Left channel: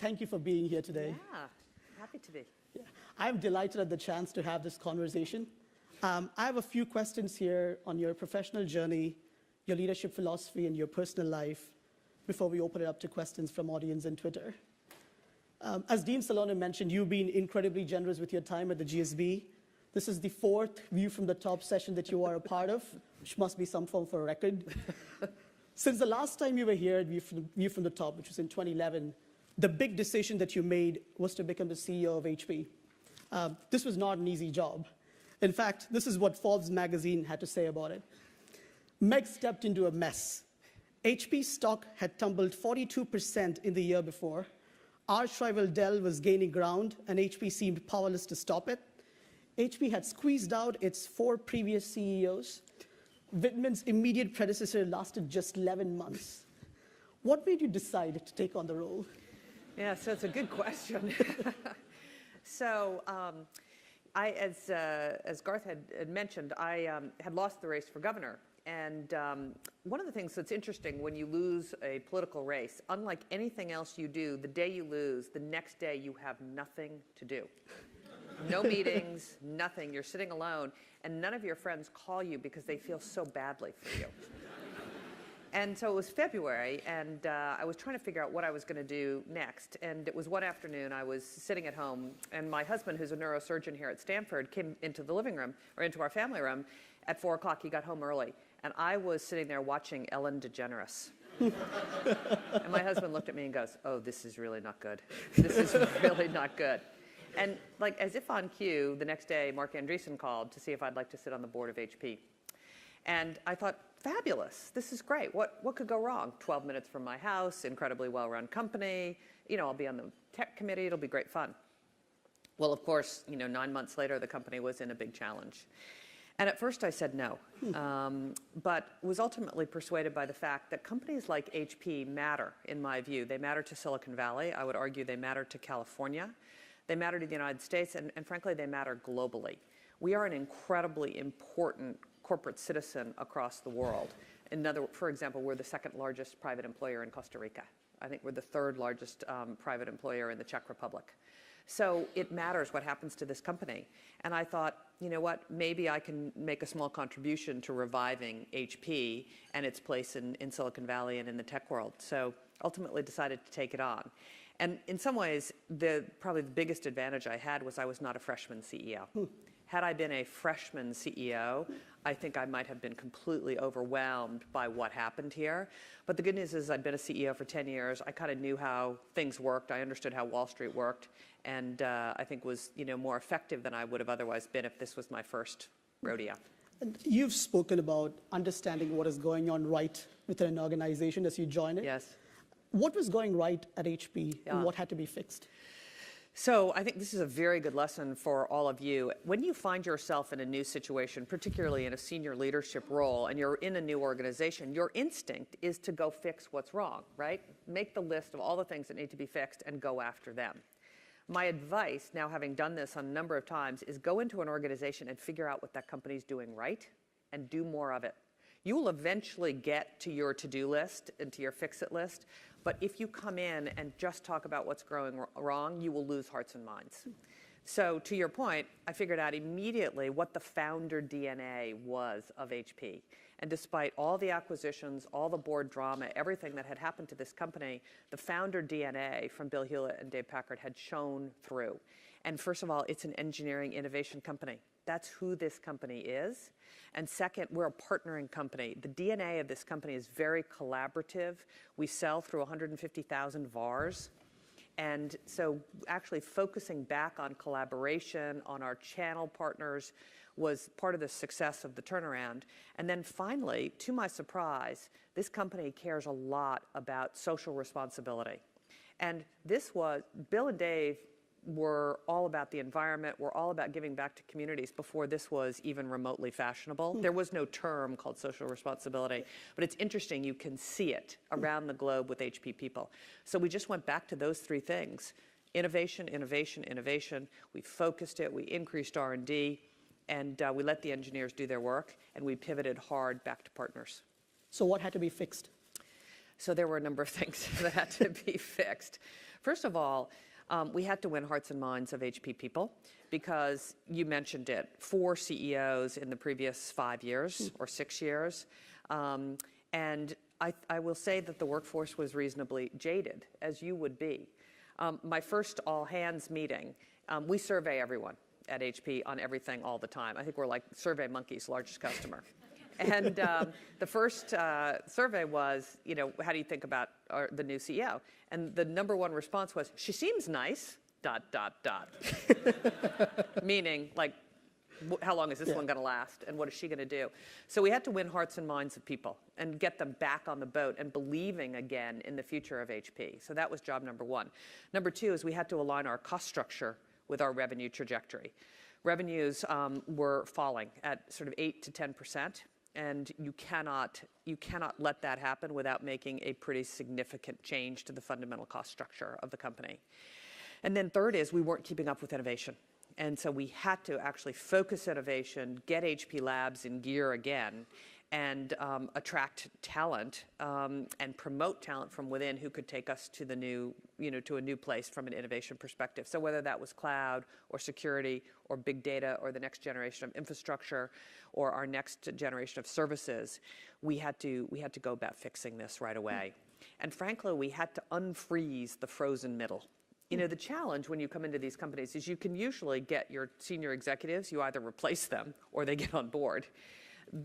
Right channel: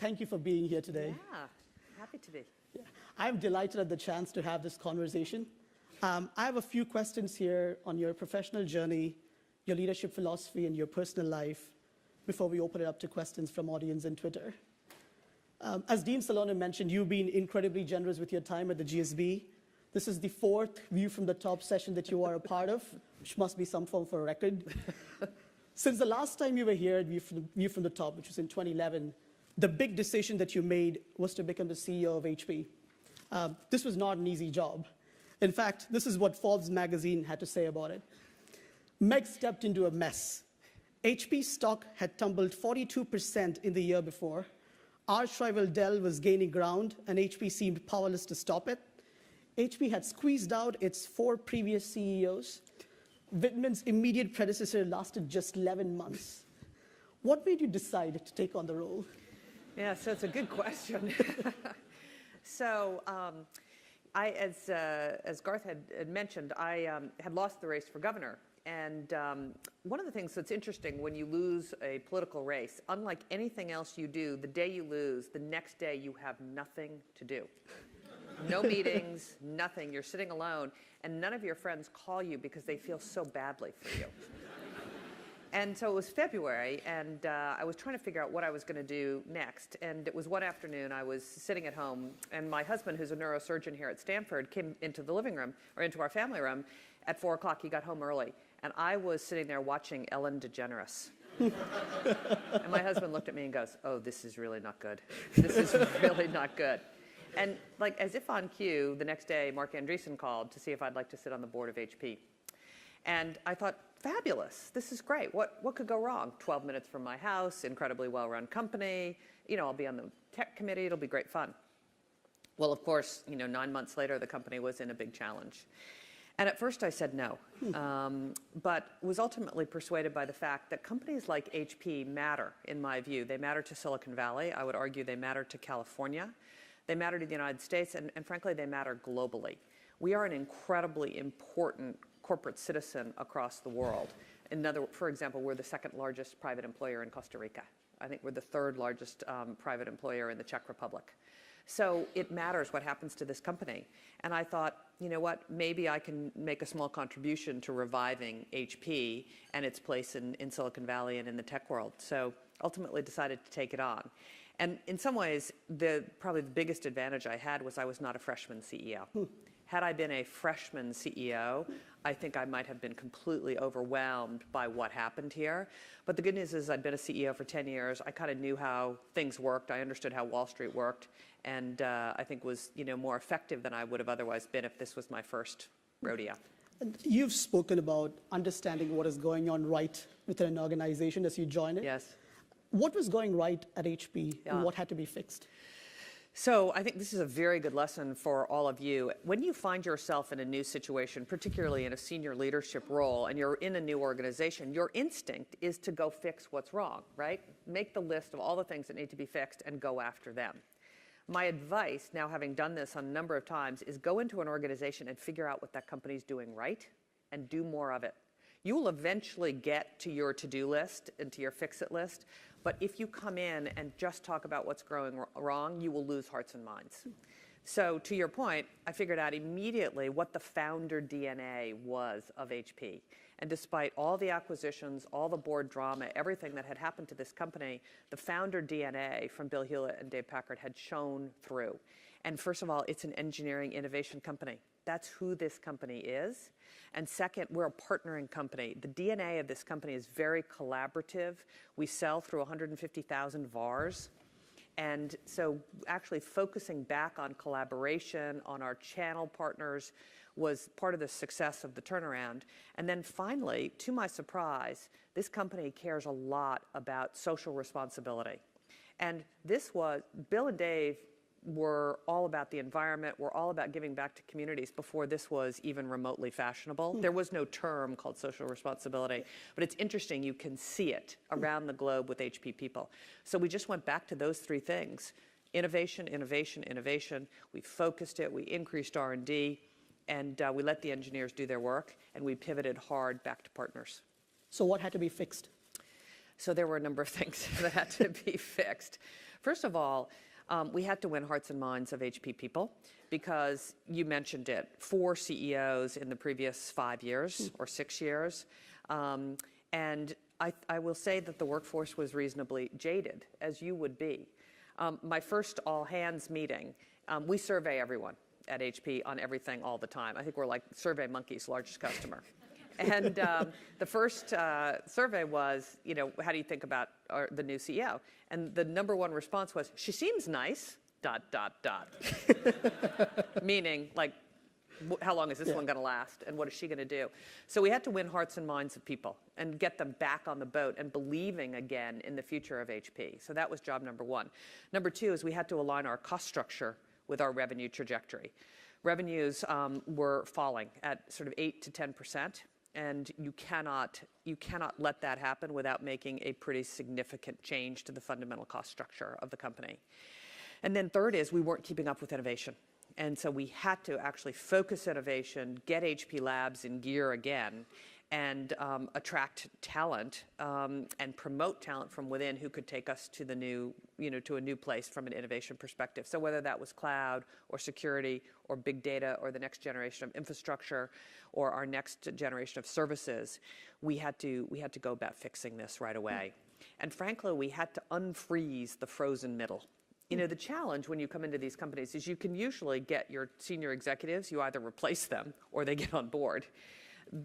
thank you for being here today. Yeah, happy to be. Yeah. I'm delighted at the chance to have this conversation. I have a few questions here on your professional journey, your leadership philosophy, and your personal life before we open it up to questions from audience and Twitter. As Dean Salona mentioned, you've been incredibly generous with your time at the GSB. This is the fourth View from the Top session that you are a part of, which must be some form for a record. Since the last time you were here at View from the Top, which was in 2011, the big decision that you made was to become the CEO of HP. This was not an easy job. In fact, this is what Forbes magazine had to say about it. Meg stepped into a mess. HP stock had tumbled 42% in the year before. Arch rival Dell was gaining ground, and HP seemed powerless to stop it. HP had squeezed out its 4 previous CEOs. Whitman's immediate predecessor lasted just 11 months. What made you decide to take on the role? Yeah, so it's a good question. As Garth had mentioned, I had lost the race for governor. And one of the things that's interesting when you lose a political race, unlike anything else you do, the day you lose, the next day you have nothing to do. No meetings, nothing. You're sitting alone, and none of your friends call you because they feel so badly for you. And so it was February, and I was trying to figure out what I was going to do next. And it was one afternoon, I was sitting at home, and my husband, who's a neurosurgeon here at Stanford, came into the living room, or into our family room, at 4 o'clock. He got home early, and I was sitting there watching Ellen DeGeneres. And my husband looked at me and goes, "Oh, this is really not good. This is really not good." And like as if on cue, the next day, Mark Andreessen called to see if I'd like to sit on the board of HP. And I thought, fabulous, this is great. What could go wrong? 12 minutes from my house, incredibly well-run company. I'll be on the tech committee. It'll be great fun. Well, of course, 9 months later, the company was in a big challenge. And at first I said no, but was ultimately persuaded by the fact that companies like HP matter, in my view. They matter to Silicon Valley. I would argue they matter to California. They matter to the United States, and frankly, they matter globally. We are an incredibly important corporate citizen across the world. For example, we're the second largest private employer in Costa Rica. I think we're the third largest private employer in the Czech Republic. So it matters what happens to this company. And I thought, you know what, maybe I can make a small contribution to reviving HP and its place in Silicon Valley and in the tech world. So ultimately decided to take it on. And in some ways, probably the biggest advantage I had was I was not a freshman CEO. Had I been a freshman CEO, I think I might have been completely overwhelmed by what happened here. But the good news is I'd been a CEO for 10 years. I kind of knew how things worked. I understood how Wall Street worked, and I think was more effective than I would have otherwise been if this was my first rodeo. And you've spoken about understanding what is going on right within an organization as you join it. Yes. What was going right at HP, and what had to be fixed? So I think this is a very good lesson for all of you. When you find yourself in a new situation, particularly in a senior leadership role, and you're in a new organization, your instinct is to go fix what's wrong, right? Make the list of all the things that need to be fixed and go after them. My advice, now having done this a number of times, is go into an organization and figure out what that company's doing right and do more of it. You will eventually get to your to-do list and to your fix-it list, but if you come in and just talk about what's going wrong, you will lose hearts and minds. So to your point, I figured out immediately what the founder DNA was of HP. And despite all the acquisitions, all the board drama, everything that had happened to this company, the founder DNA from Bill Hewlett and Dave Packard had shown through. And first of all, it's an engineering innovation company. That's who this company is. And second, we're a partnering company. The DNA of this company is very collaborative. We sell through 150,000 VARs. And so actually focusing back on collaboration, on our channel partners, was part of the success of the turnaround. And then finally, to my surprise, this company cares a lot about social responsibility. And Bill and Dave were all about the environment, were all about giving back to communities before this was even remotely fashionable. There was no term called social responsibility, but it's interesting, you can see it around the globe with HP people. So we just went back to those 3 things: innovation, innovation, innovation. We focused it, we increased R&D, and we let the engineers do their work, and we pivoted hard back to partners. So what had to be fixed? So there were a number of things that had to be fixed. First of all, we had to win hearts and minds of HP people because you mentioned it, 4 CEOs in the previous 5 years or 6 years. And I will say that the workforce was reasonably jaded, as you would be. My first all-hands meeting, we survey everyone at HP on everything all the time. I think we're like Survey Monkey's largest customer. And the first survey was, how do you think about the new CEO? And the number one response was, she seems nice, ... Meaning, like, how long is this one going to last, and what is she going to do? So we had to win hearts and minds of people and get them back on the boat and believing again in the future of HP. So that was job number one. Number two is we had to align our cost structure with our revenue trajectory. Revenues were falling at sort of 8 to 10%. And you cannot let that happen without making a pretty significant change to the fundamental cost structure of the company. And then third is we weren't keeping up with innovation. And so we had to actually focus innovation, get HP Labs in gear again, and attract talent and promote talent from within who could take us to the new, to a new place from an innovation perspective. So whether that was cloud or security or big data or the next generation of infrastructure or our next generation of services, we had to go about fixing this right away. And frankly, we had to unfreeze the frozen middle. The challenge when you come into these companies is you can usually get your senior executives, you either replace them or they get on board.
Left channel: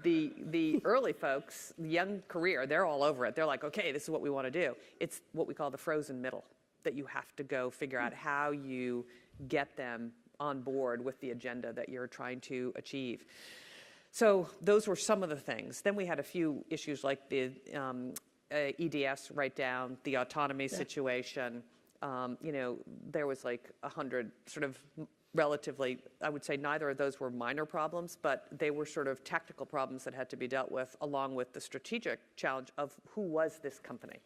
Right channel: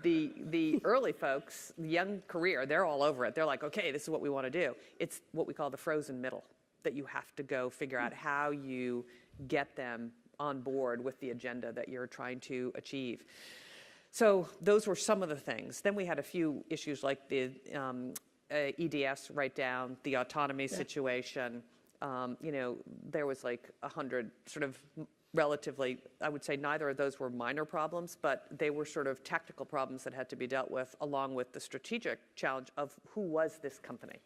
The early folks, the young career, they're all over it. They're like, okay, this is what we want to do. It's what we call the frozen middle that you have to go figure out how you get them on board with the agenda that you're trying to achieve. So those were some of the things. Then we had a few issues like the EDS write-down, the autonomy situation. There was like 100 sort of relatively, I would say neither of those were minor problems, but they were sort of tactical problems that had to be dealt with along with the strategic challenge of who was this company.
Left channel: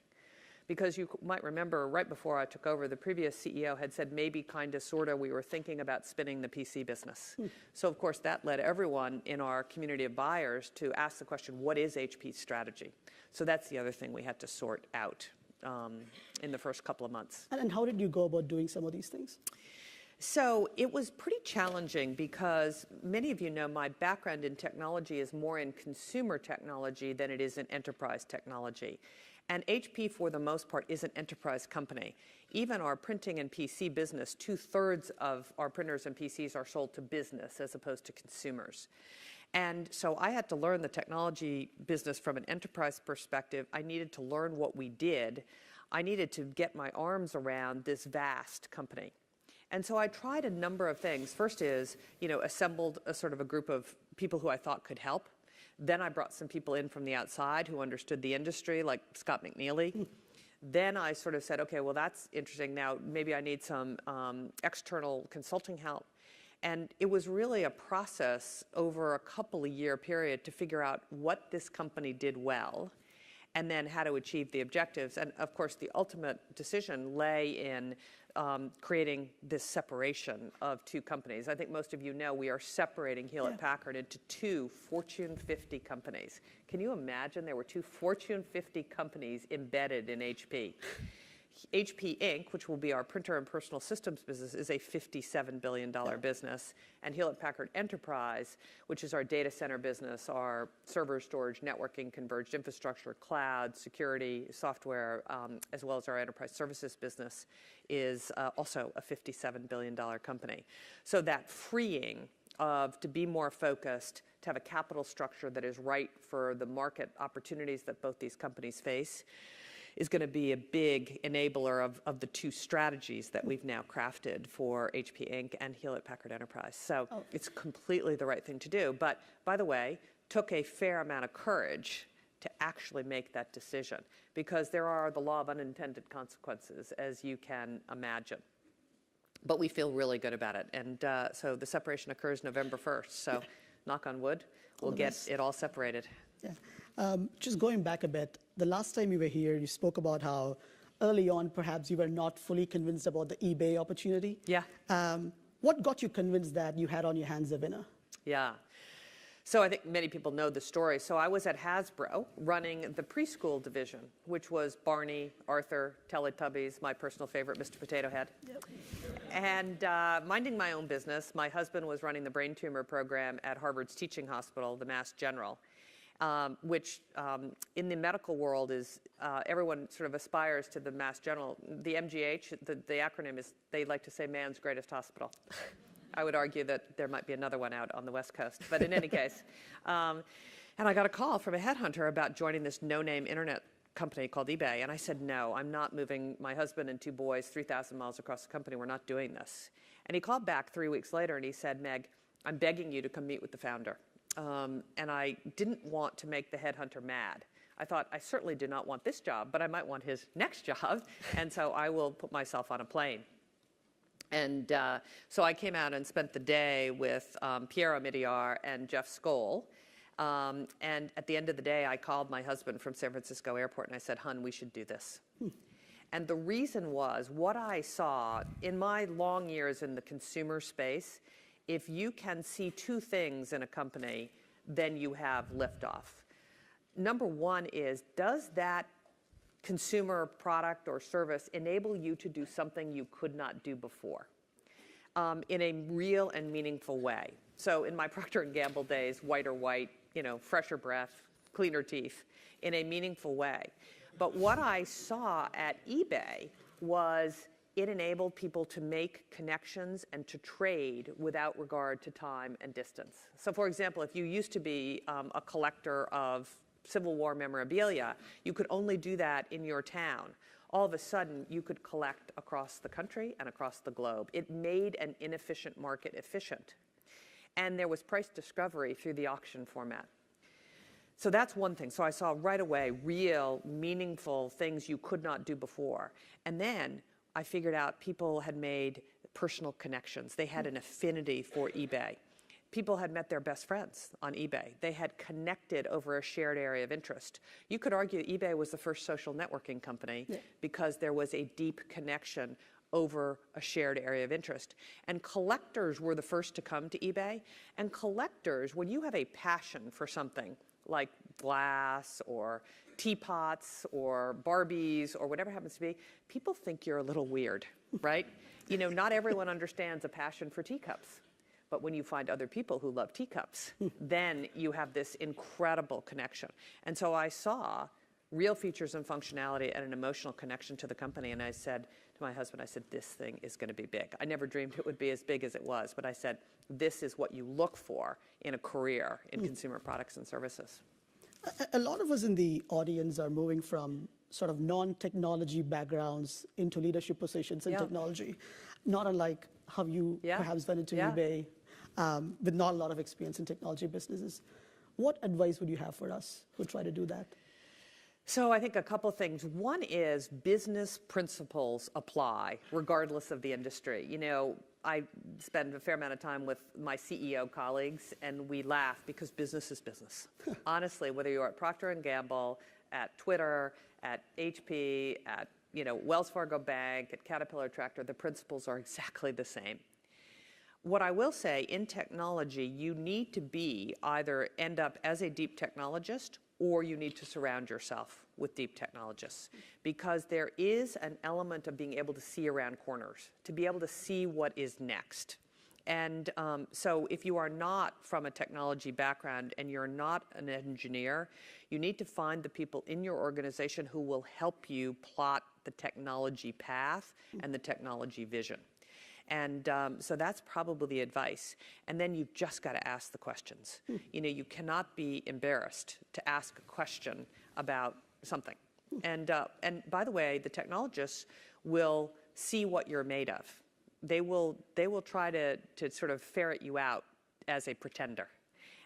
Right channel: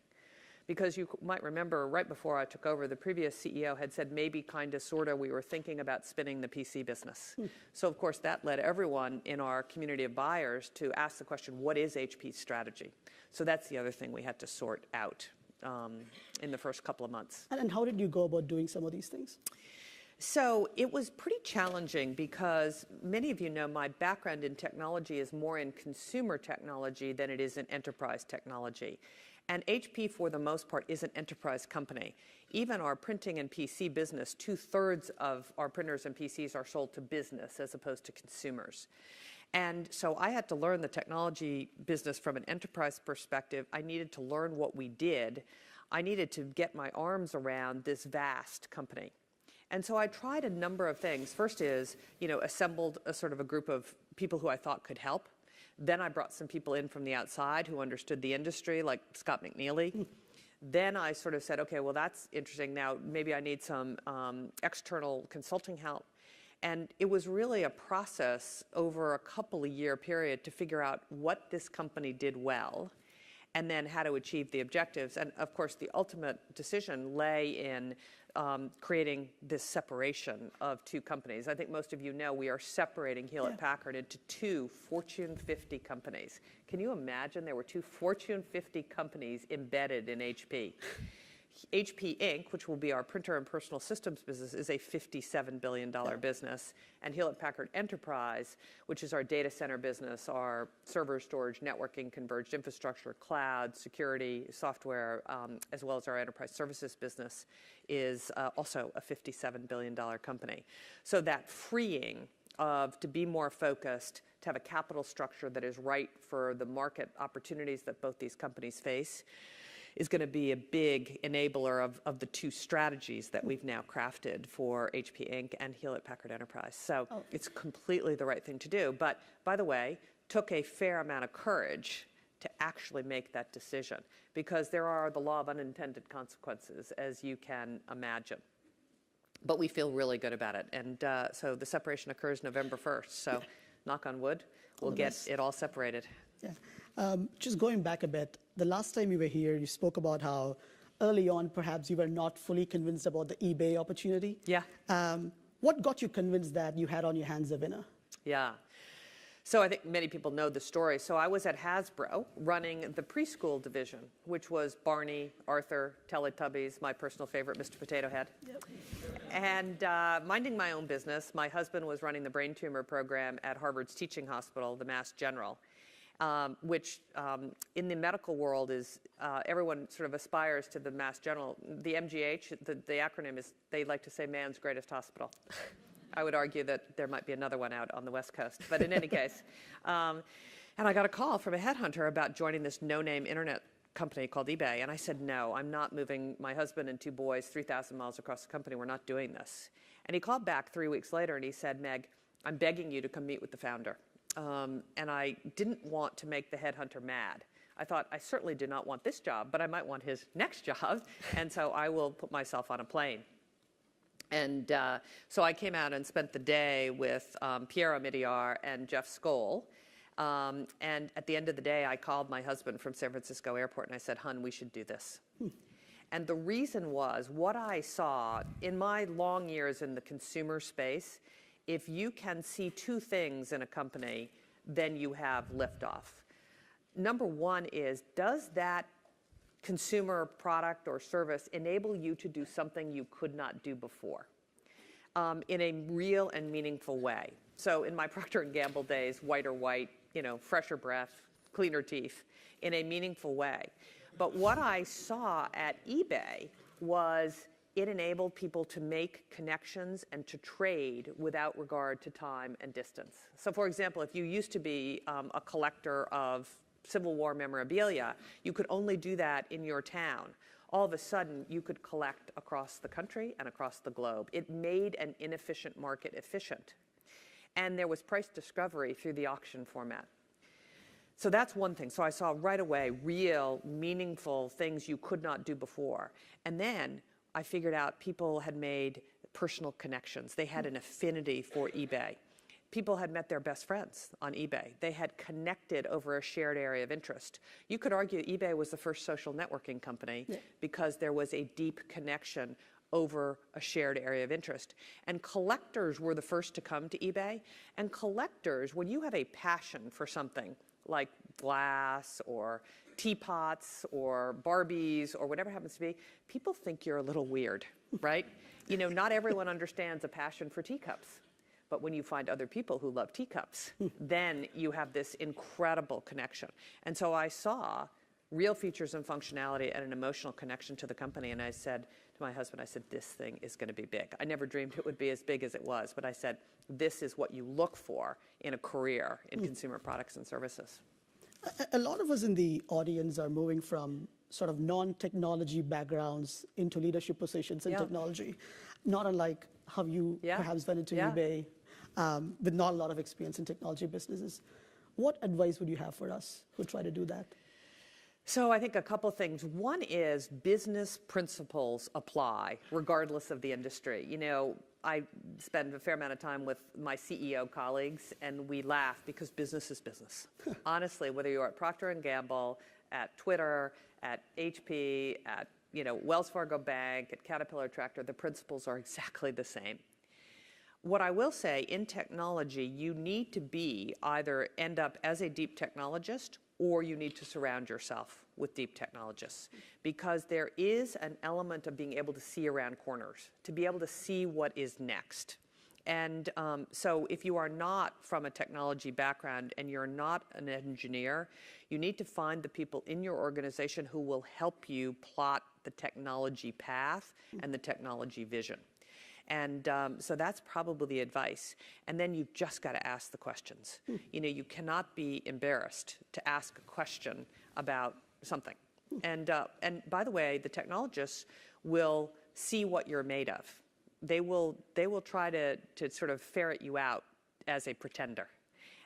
Because you might remember right before I took over, the previous CEO had said maybe kind of sort of we were thinking about spinning the PC business. So of course that led everyone in our community of buyers to ask the question, what is HP's strategy? So that's the other thing we had to sort out in the first couple of months. And how did you go about doing some of these things? So it was pretty challenging because many of you know my background in technology is more in consumer technology than it is in enterprise technology. And HP, for the most part, is an enterprise company. Even our printing and PC business, 2/3 of our printers and PCs are sold to business as opposed to consumers. And so I had to learn the technology business from an enterprise perspective. I needed to learn what we did. I needed to get my arms around this vast company. And so I tried a number of things. First is, assembled a sort of a group of people who I thought could help. Then I brought some people in from the outside who understood the industry, like Scott McNeely. Then I sort of said, okay, well, that's interesting. Now, maybe I need some external consulting help. And it was really a process over a couple of year period to figure out what this company did well and then how to achieve the objectives. And of course, the ultimate decision lay in creating this separation of two companies. I think most of you know we are separating Hewlett-Packard into 2 Fortune 50 companies. Can you imagine there were 2 Fortune 50 companies embedded in HP? HP Inc., which will be our printer and personal systems business, is a $57 billion business. And Hewlett-Packard Enterprise, which is our data center business, our server storage, networking, converged infrastructure, cloud, security, software, as well as our enterprise services business, is also a $57 billion company. So that freeing to be more focused, to have a capital structure that is right for the market opportunities that both these companies face, is going to be a big enabler of the two strategies that we've now crafted for HP Inc. and Hewlett-Packard Enterprise. So it's completely the right thing to do. But, by the way, took a fair amount of courage to actually make that decision because there are the law of unintended consequences, as you can imagine. But we feel really good about it. And so the separation occurs November 1st. So knock on wood, we'll get it all separated. Yeah. Just going back a bit, the last time you were here, you spoke about how early on, perhaps you were not fully convinced about the eBay opportunity. Yeah. What got you convinced that you had on your hands a winner? Yeah. So I think many people know the story. So I was at Hasbro running the preschool division, which was Barney, Arthur, Teletubbies, my personal favorite, Mr. Potato Head. Yep. And minding my own business, my husband was running the brain tumor program at Harvard's teaching hospital, the Mass General, which in the medical world is, everyone sort of aspires to the Mass General. The MGH, the acronym is, they like to say man's greatest hospital. I would argue that there might be another one out on the West Coast, but in any case. And I got a call from a headhunter about joining this no-name internet company called eBay, and I said, no, I'm not moving my husband and 2 boys 3,000 miles across the company. We're not doing this. And he called back 3 weeks later, and he said, Meg, I'm begging you to come meet with the founder. And I didn't want to make the headhunter mad. I thought, I certainly do not want this job, but I might want his next job, and so I will put myself on a plane. And so I came out and spent the day with Pierre Omidyar and Jeff Skoll. And at the end of the day, I called my husband from San Francisco Airport, and I said, hun, we should do this. And the reason was what I saw in my long years in the consumer space, if you can see 2 things in a company, then you have liftoff. Number one is, does that consumer product or service enable you to do something you could not do before in a real and meaningful way? So in my Procter & Gamble days, whiter white, fresher breath, cleaner teeth, in a meaningful way. But what I saw at eBay was it enabled people to make connections and to trade without regard to time and distance. So for example, if you used to be a collector of Civil War memorabilia, you could only do that in your town. All of a sudden, you could collect across the country and across the globe. It made an inefficient market efficient. And there was price discovery through the auction format. So that's one thing. So I saw right away real, meaningful things you could not do before. And then I figured out people had made personal connections. They had an affinity for eBay. People had met their best friends on eBay. They had connected over a shared area of interest. You could argue eBay was the first social networking company because there was a deep connection over a shared area of interest. And collectors were the first to come to eBay. And collectors, when you have a passion for something like glass or teapots or Barbies or whatever it happens to be, people think you're a little weird, right? Not everyone understands a passion for teacups. But when you find other people who love teacups, then you have this incredible connection. And so I saw real features and functionality and an emotional connection to the company. And I said to my husband, I said, this thing is going to be big. I never dreamed it would be as big as it was. But I said, this is what you look for in a career in consumer products and services. A lot of us in the audience are moving from sort of non-technology backgrounds into leadership positions in technology, not unlike how you perhaps went into eBay with not a lot of experience in technology businesses. What advice would you have for us who try to do that? So I think a couple things. One is business principles apply regardless of the industry. I spend a fair amount of time with my CEO colleagues, and we laugh because business is business. Honestly, whether you're at Procter & Gamble, at Twitter, at HP, at Wells Fargo Bank, at Caterpillar Tractor, the principles are exactly the same. What I will say, in technology, you need to either end up as a deep technologist or you need to surround yourself with deep technologists, because there is an element of being able to see around corners, to be able to see what is next. And so if you are not from a technology background and you're not an engineer, you need to find the people in your organization who will help you plot the technology path and the technology vision. And so that's probably the advice. And then you've just got to ask the questions. You cannot be embarrassed to ask a question about something. And by the way, the technologists will see what you're made of. They will try to sort of ferret you out as a pretender.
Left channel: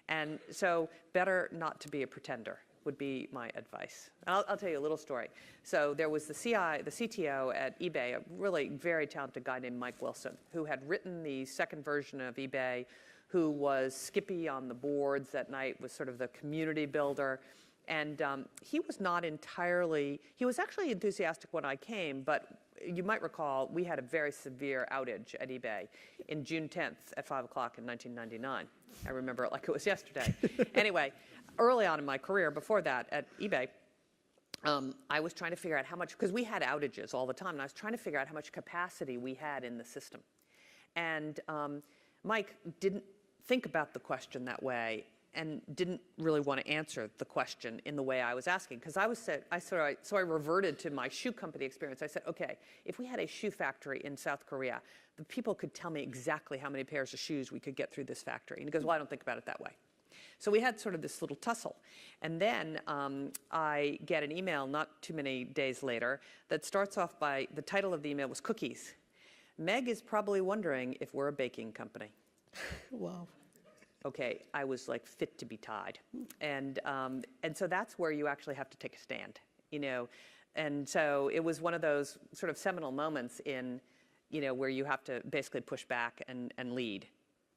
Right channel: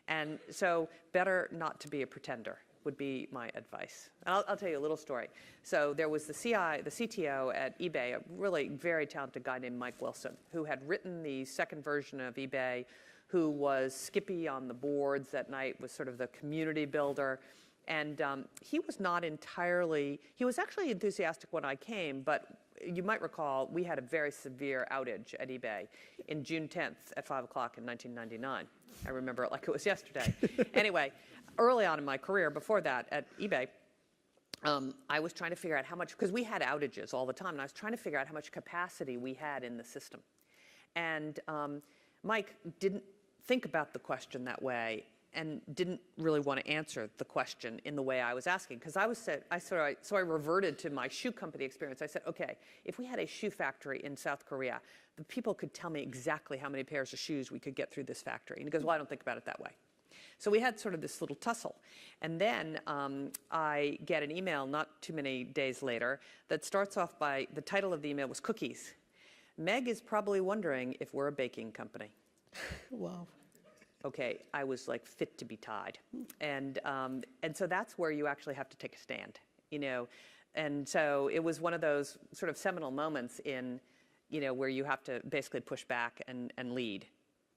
And so better not to be a pretender would be my advice. I'll tell you a little story. So there was the CTO at eBay, a really very talented guy named Mike Wilson, who had written the second version of eBay, who was Skippy on the boards at night, was sort of the community builder. And he was not entirely, he was actually enthusiastic when I came, but you might recall we had a very severe outage at eBay in June 10th at 5 o'clock in 1999. I remember it like it was yesterday. Anyway, early on in my career, before that at eBay, I was trying to figure out how much, because we had outages all the time, and I was trying to figure out how much capacity we had in the system. And Mike didn't think about the question that way and didn't really want to answer the question in the way I was asking. Because so I reverted to my shoe company experience. I said, okay, if we had a shoe factory in South Korea, the people could tell me exactly how many pairs of shoes we could get through this factory. And he goes, well, I don't think about it that way. So we had sort of this little tussle. And then I get an email not too many days later that starts off by, the title of the email was Cookies. Meg is probably wondering if we're a baking company. Wow. Okay, I was like fit to be tied. And so that's where you actually have to take a stand, you know. And so it was one of those sort of seminal moments in, you know, where you have to basically push back and lead,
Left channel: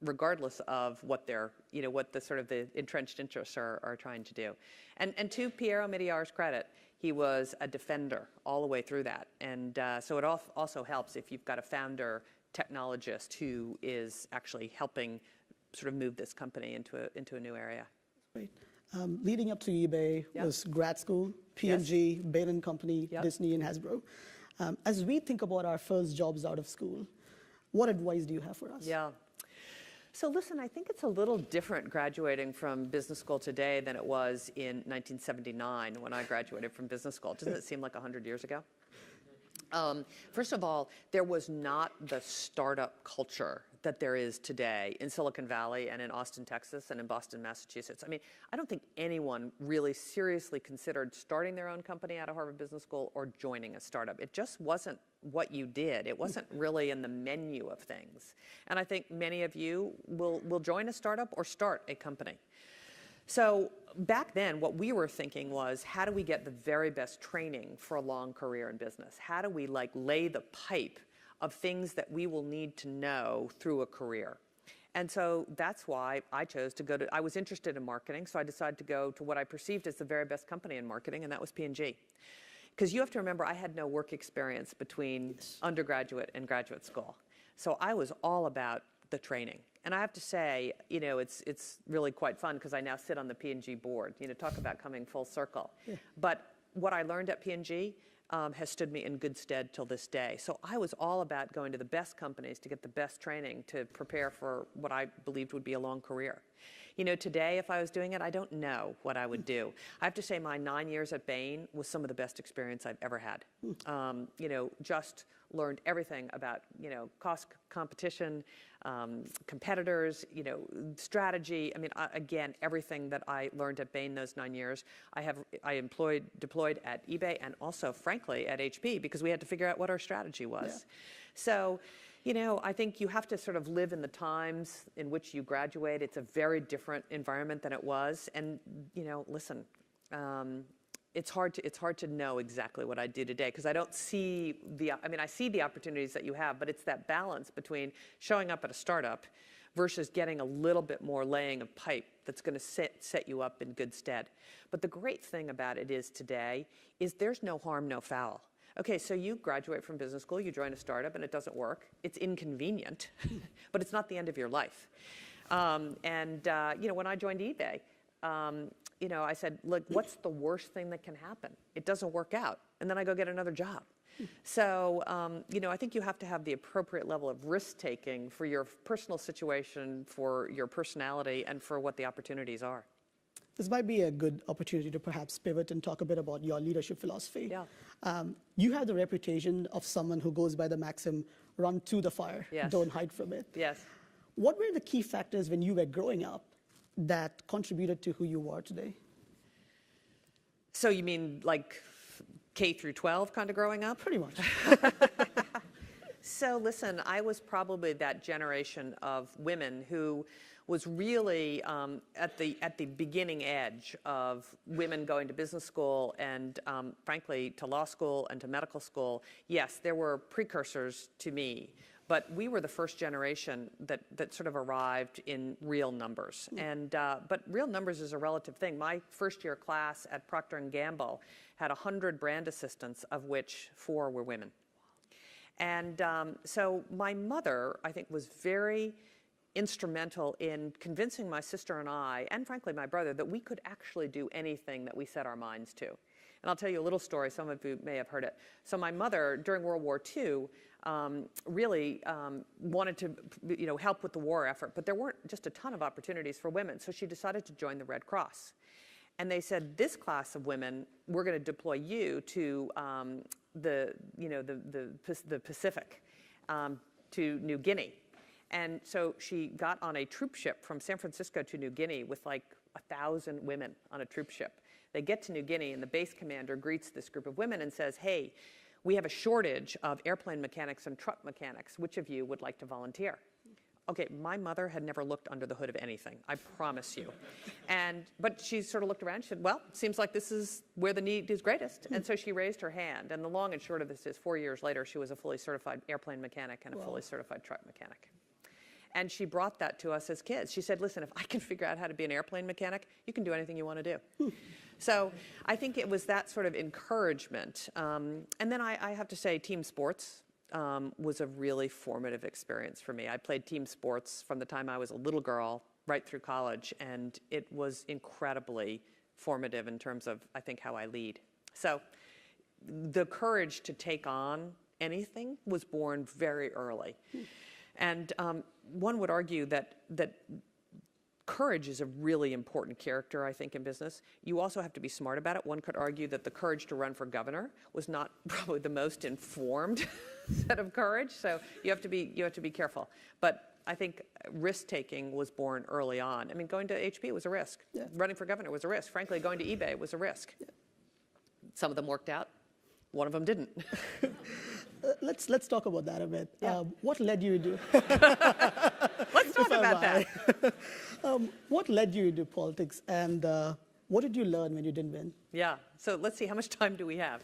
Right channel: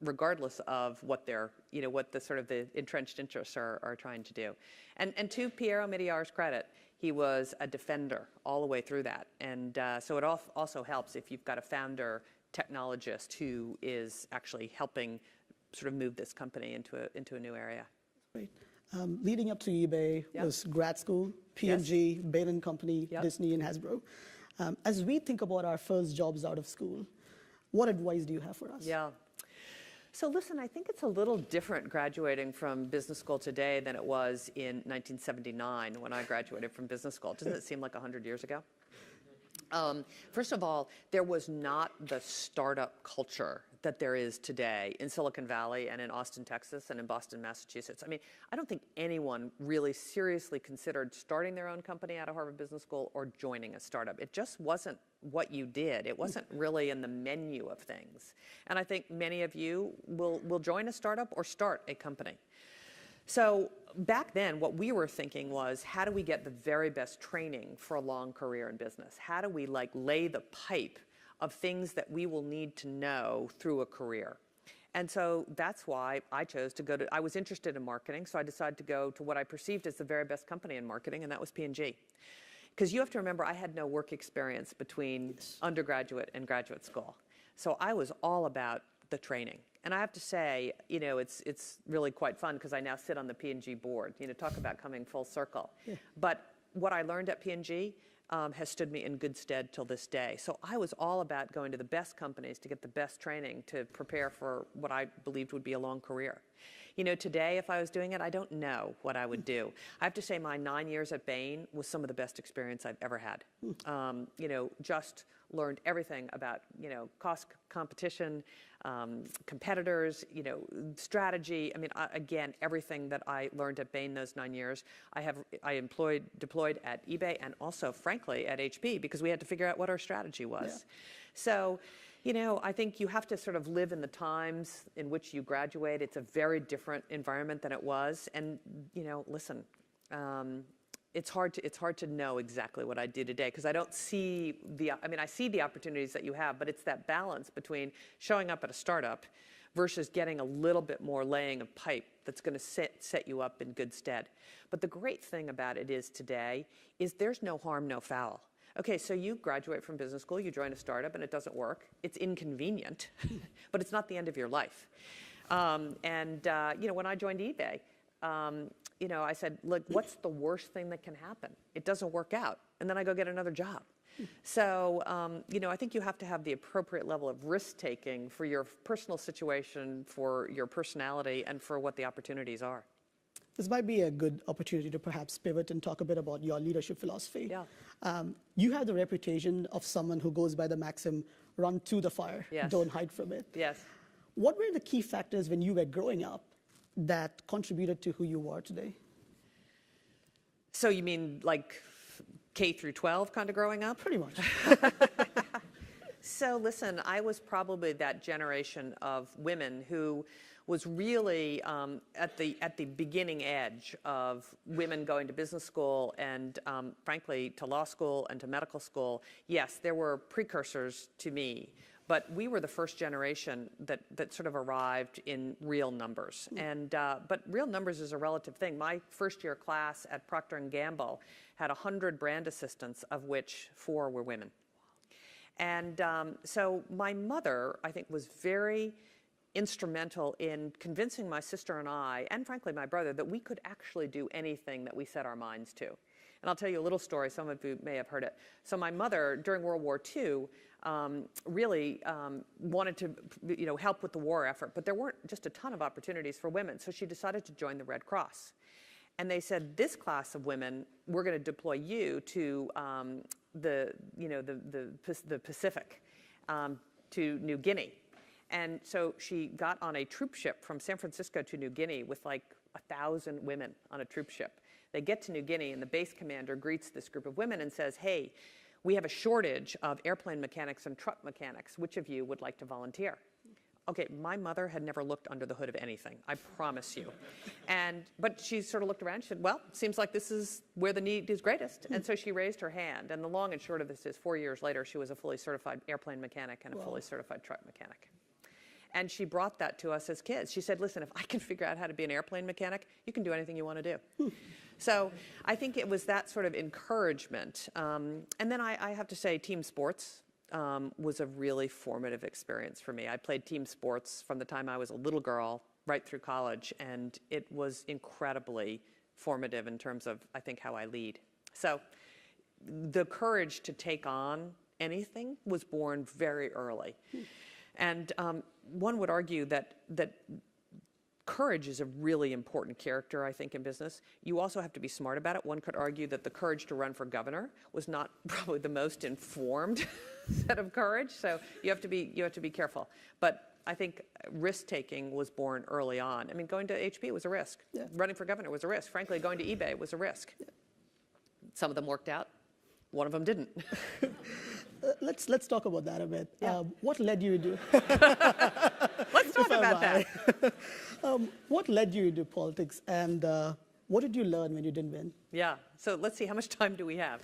regardless of what their, you know, what the sort of the entrenched interests are trying to do. And to Piero Migliar's credit, he was a defender all the way through that. And so it also helps if you've got a founder technologist who is actually helping sort of move this company into a new area. Right. Leading up to eBay Yep. was grad school, P&G, Bain & Company, Yep. Disney, and Hasbro. As we think about our first jobs out of school, what advice do you have for us? Yeah. So listen, I think it's a little different graduating from business school today than it was in 1979 when I graduated from business school. Doesn't it seem like 100 years ago? First of all, there was not the startup culture that there is today in Silicon Valley and in Austin, Texas, and in Boston, Massachusetts. I mean, I don't think anyone really seriously considered starting their own company out of Harvard Business School or joining a startup. It just wasn't what you did. It wasn't really in the menu of things. And I think many of you will join a startup or start a company. So back then, what we were thinking was, how do we get the very best training for a long career in business? How do we like lay the pipe of things that we will need to know through a career? And so that's why I chose to go to, I was interested in marketing, so I decided to go to what I perceived as the very best company in marketing, and that was P&G. Because you have to remember, I had no work experience between undergraduate and graduate school. So I was all about the training. And I have to say, you know, it's really quite fun because I now sit on the P&G board. You know, talk about coming full circle. Yeah. But what I learned at P&G has stood me in good stead till this day. So I was all about going to the best companies to get the best training to prepare for what I believed would be a long career. You know, today, if I was doing it, I don't know what I would do. I have to say my 9 years at Bain was some of the best experience I've ever had. You know, just learned everything about, you know, cost competition, competitors, you know, strategy. I mean, again, everything that I learned at Bain those 9 years, I deployed at eBay and also, frankly, at HP because we had to figure out what our strategy was. Yeah. So, you know, I think you have to sort of live in the times in which you graduate. It's a very different environment than it was. And, you know, listen, it's hard to know exactly what I do today because I don't see I see the opportunities that you have, but it's that balance between showing up at a startup versus getting a little bit more laying of pipe that's going to set you up in good stead. But the great thing about it is today is there's no harm, no foul. Okay, so you graduate from business school, you join a startup, and it doesn't work. It's inconvenient, but it's not the end of your life. You know, when I joined eBay, you know, I said, look, what's the worst thing that can happen? It doesn't work out, and then I go get another job. So, you know, I think you have to have the appropriate level of risk-taking for your personal situation, for your personality, and for what the opportunities are. This might be a good opportunity to perhaps pivot and talk a bit about your leadership philosophy. Yeah. You have the reputation of someone who goes by the maxim, run to the fire, yes. Don't hide from it. Yes. What were the key factors when you were growing up that contributed to who you are today? So you mean like K through 12 kind of growing up? Pretty much. So listen, I was probably that generation of women who was really at the beginning edge of women going to business school and frankly to law school and to medical school. Yes, there were precursors to me, but we were the first generation that sort of arrived in real numbers. And but real numbers is a relative thing. My first year class at Procter & Gamble had 100 brand assistants, of which 4 were women. And so my mother, I think, was very instrumental in convincing my sister and I, and frankly my brother, that we could actually do anything that we set our minds to. And I'll tell you a little story. Some of you may have heard it. So my mother, during World War II, really wanted to, help with the war effort, but there weren't just a ton of opportunities for women. So she decided to join the Red Cross. And they said, this class of women, we're going to deploy you to the Pacific, to New Guinea. And so she got on a troop ship from San Francisco to New Guinea with like 1,000 women on a troop ship. They get to New Guinea, and the base commander greets this group of women and says, hey, we have a shortage of airplane mechanics and truck mechanics. Which of you would like to volunteer? Okay, my mother had never looked under the hood of anything, I promise you. But she sort of looked around and she said, well, seems like this is where the need is greatest. And so she raised her hand. And the long and short of this is 4 years later, she was a fully certified airplane mechanic and a fully certified truck mechanic. And she brought that to us as kids. She said, listen, if I can figure out how to be an airplane mechanic, you can do anything you want to do. So I think it was that sort of encouragement. And then I have to say team sports was a really formative experience for me. I played team sports from the time I was a little girl right through college, and it was incredibly formative in terms of, I think, how I lead. So the courage to take on anything was born very early. And one would argue that courage is a really important character, I think, in business. You also have to be smart about it. One could argue that the courage to run for governor was not probably the most informed set of courage. So you have to be careful. But I think risk-taking was born early on. I mean, going to HP was a risk. Yeah. Running for governor was a risk. Frankly, going to eBay was a risk. Yeah. Some of them worked out. One of them didn't. Let's talk about that a bit. Yeah. What led you to... Let's talk about that. What led you into politics, and what did you learn when you didn't win? Yeah. So let's see, how much time do we have?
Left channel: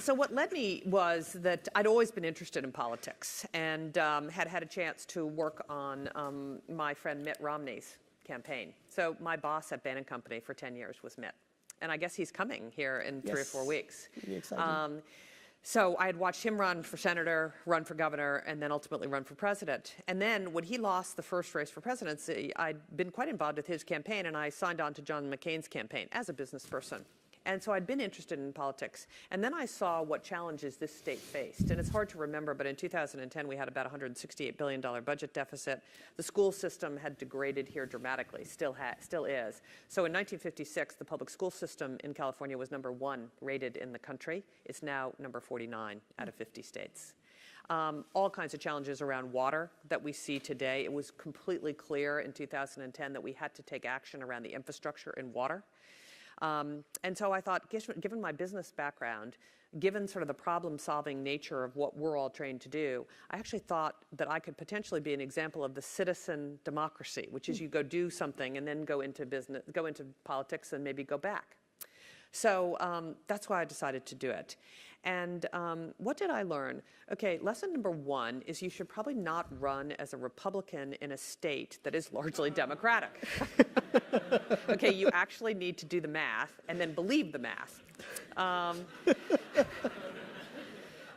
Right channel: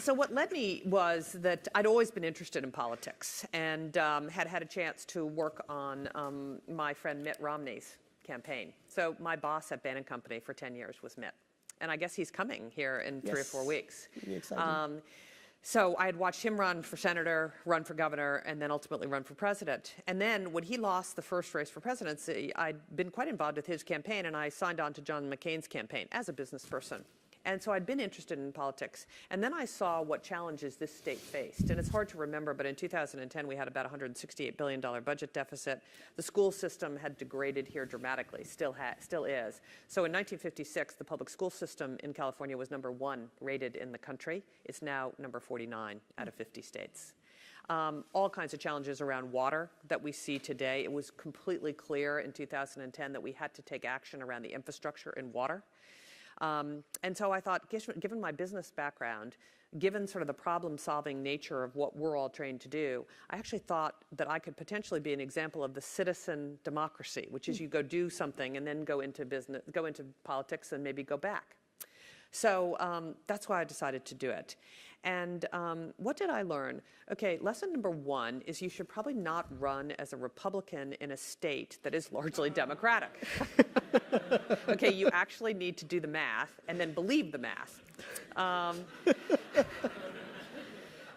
So what led me was that I'd always been interested in politics, and had a chance to work on my friend Mitt Romney's campaign. So my boss at Bain & Company for 10 years was Mitt. And I guess he's coming here in 3 or 4 weeks. Really exciting. So I had watched him run for senator, run for governor, and then ultimately run for president. And then when he lost the first race for presidency, I'd been quite involved with his campaign, and I signed on to John McCain's campaign as a business person. And so I'd been interested in politics. And then I saw what challenges this state faced. And it's hard to remember, but in 2010, we had about $168 billion budget deficit. The school system had degraded here dramatically, still is. So in 1956, the public school system in California was number 1 rated in the country. It's now number 49 out of 50 states. All kinds of challenges around water that we see today. It was completely clear in 2010 that we had to take action around the infrastructure in water. And so I thought, given my business background, given sort of the problem-solving nature of what we're all trained to do, I actually thought that I could potentially be an example of the citizen democracy, which is you go do something and then go into business, go into politics, and maybe go back. So that's why I decided to do it. And what did I learn? Okay, lesson number 1 is you should probably not run as a Republican in a state that is largely Democratic. Okay, you actually need to do the math and then believe the math.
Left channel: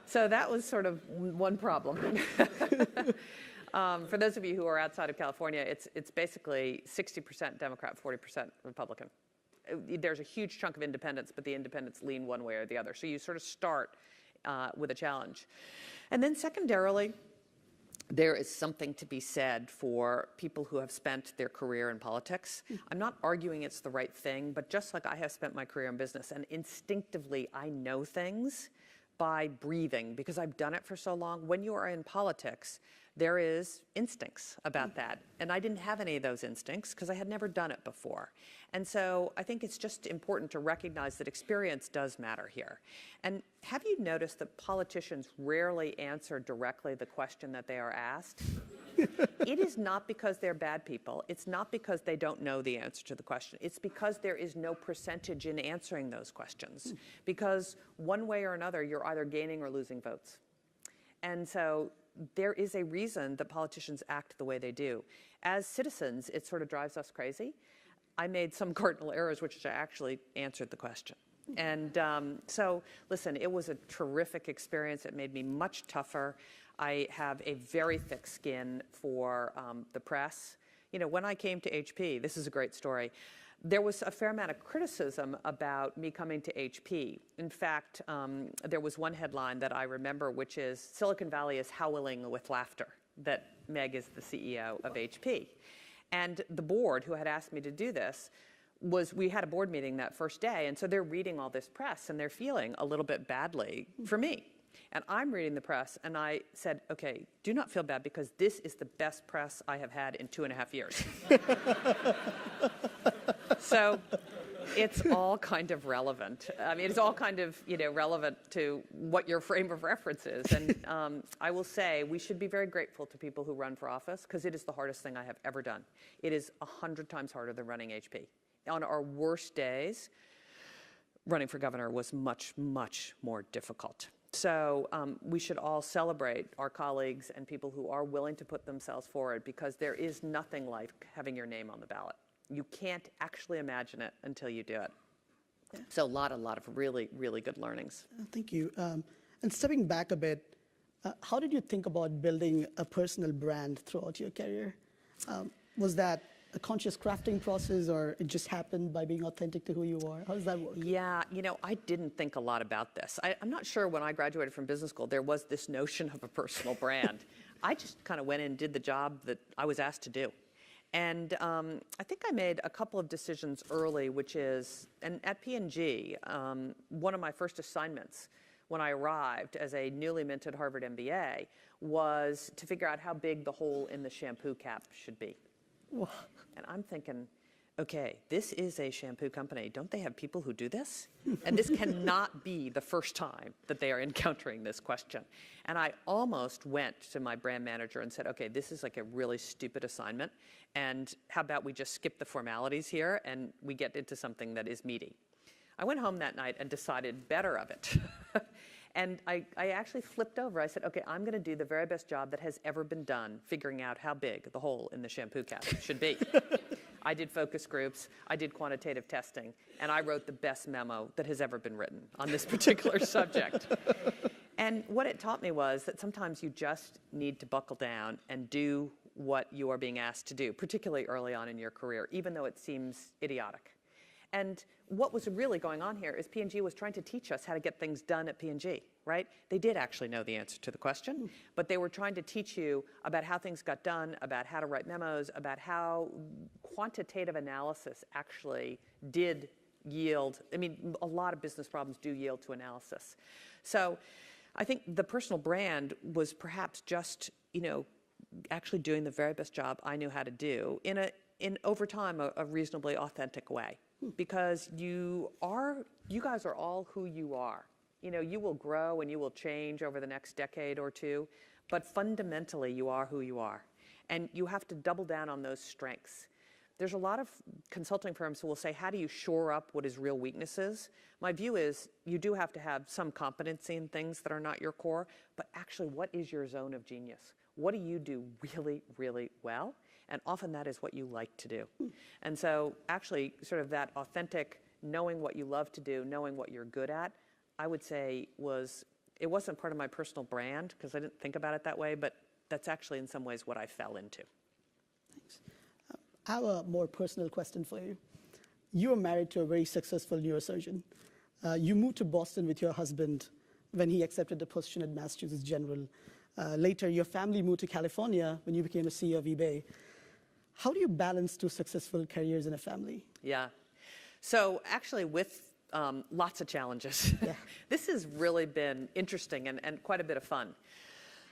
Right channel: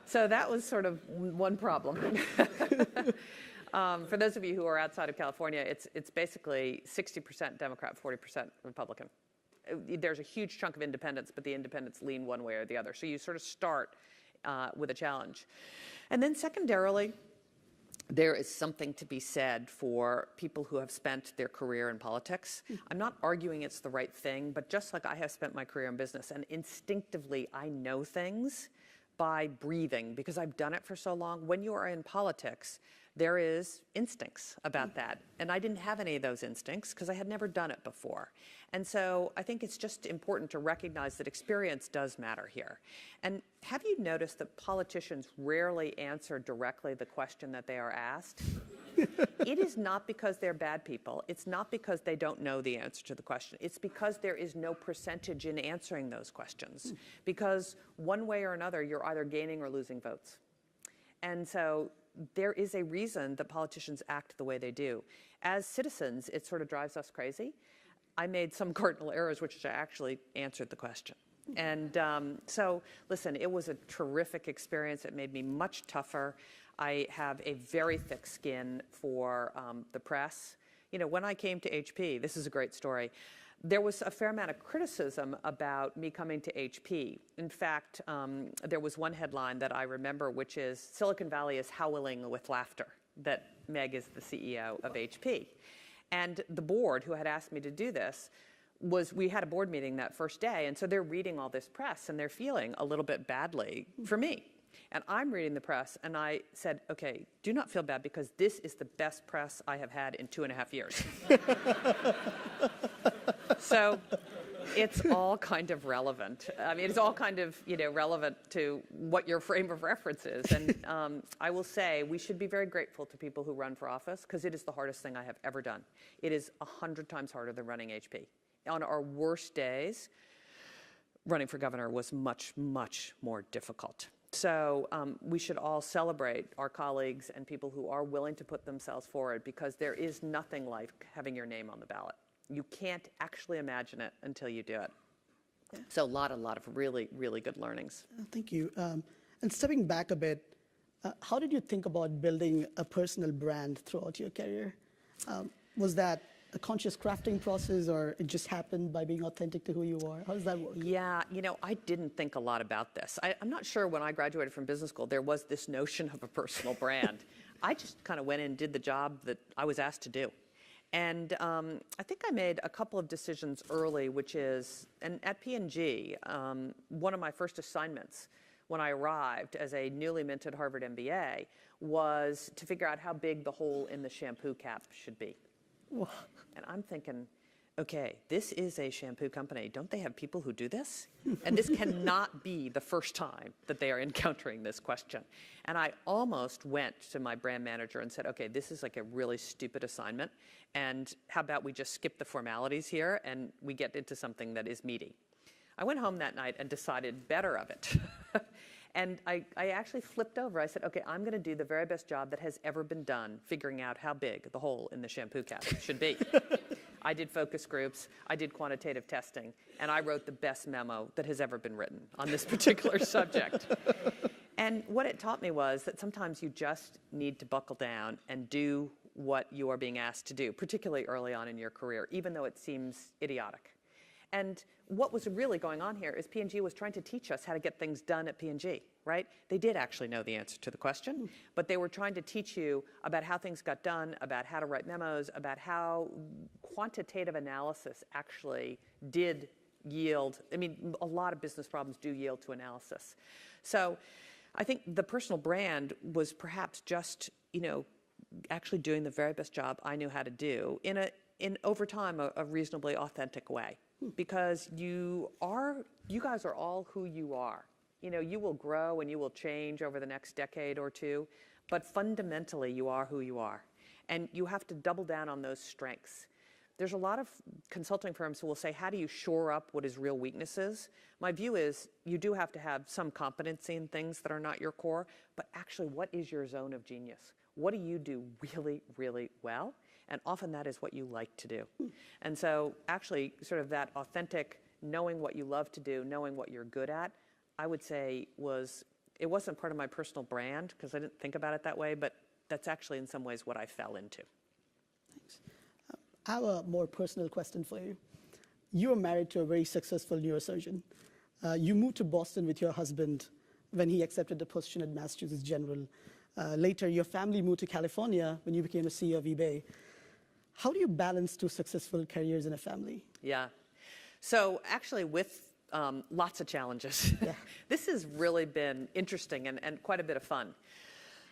So that was sort of one problem. For those of you who are outside of California, it's basically 60% Democrat, 40% Republican. There's a huge chunk of independents, but the independents lean one way or the other. So you sort of start with a challenge. And then secondarily, there is something to be said for people who have spent their career in politics. I'm not arguing it's the right thing, but just like I have spent my career in business, and instinctively I know things by breathing because I've done it for so long. When you are in politics, there is instincts about that. And I didn't have any of those instincts because I had never done it before. And so I think it's just important to recognize that experience does matter here. And have you noticed that politicians rarely answer directly the question that they are asked? It is not because they're bad people. It's not because they don't know the answer to the question. It's because there is no percentage in answering those questions. Because one way or another, you're either gaining or losing votes. And so there is a reason that politicians act the way they do. As citizens, it sort of drives us crazy. I made some cardinal errors, which I actually answered the question. And so, listen, it was a terrific experience. It made me much tougher. I have a very thick skin for the press. You know, when I came to HP, this is a great story, there was a fair amount of criticism about me coming to HP. In fact, there was one headline that I remember, which is, Silicon Valley is howling with laughter that Meg is the CEO of HP. And the board, who had asked me to do this, we had a board meeting that first day, and so they're reading all this press, and they're feeling a little bit badly for me. And I'm reading the press, and I said, okay, do not feel bad, because this is the best press I have had in 2.5 years. So it's all kind of relevant. I mean, it's all kind of, relevant to what your frame of reference is. And I will say we should be very grateful to people who run for office, because it is the hardest thing I have ever done. It is 100 times harder than running HP. On our worst days, running for governor was much, much more difficult. So we should all celebrate our colleagues and people who are willing to put themselves forward, because there is nothing like having your name on the ballot. You can't actually imagine it until you do it. So a lot of really, really good learnings. Thank you. And stepping back a bit, how did you think about building a personal brand throughout your career? Was that a conscious crafting process, or it just happened by being authentic to who you are? How does that work? Yeah, I didn't think a lot about this. I'm not sure when I graduated from business school there was this notion of a personal brand. I just kind of went in and did the job that I was asked to do. And I think I made a couple of decisions early, which is, and at P&G, one of my first assignments when I arrived as a newly minted Harvard MBA was to figure out how big the hole in the shampoo cap should be. Wow. And I'm thinking, okay, this is a shampoo company. Don't they have people who do this? And this cannot be the first time that they are encountering this question. And I almost went to my brand manager and said, okay, this is like a really stupid assignment, and how about we just skip the formalities here and we get into something that is meaty. I went home that night and decided better of it. And I actually flipped over. I said, okay, I'm going to do the very best job that has ever been done figuring out how big the hole in the shampoo cap should be. I did focus groups, I did quantitative testing, and I wrote the best memo that has ever been written on this particular subject. And what it taught me was that sometimes you just need to buckle down and do what you are being asked to do, particularly early on in your career, even though it seems idiotic. And what was really going on here is P&G was trying to teach us how to get things done at P&G, right? They did actually know the answer to the question, but they were trying to teach you about how things got done, about how to write memos, about how quantitative analysis actually did yield. I mean, a lot of business problems do yield to analysis. So I think the personal brand was perhaps just, actually doing the very best job I knew how to do in over time, a reasonably authentic way. Because you guys are all who you are. You will grow and you will change over the next decade or two, but fundamentally you are who you are. And you have to double down on those strengths. There's a lot of consulting firms who will say, how do you shore up what is real weaknesses? My view is you do have to have some competency in things that are not your core, but actually, what is your zone of genius? What do you do really, really well? And often that is what you like to do. And so actually sort of that authentic, knowing what you love to do, knowing what you're good at, I would say it wasn't part of my personal brand because I didn't think about it that way, but that's actually in some ways what I fell into. Thanks. I have a more personal question for you. You are married to a very successful neurosurgeon. You moved to Boston with your husband when he accepted the position at Massachusetts General. Later, your family moved to California when you became a CEO of eBay. How do you balance two successful careers in a family? Yeah. So actually with lots of challenges. Yeah. This has really been interesting and quite a bit of fun.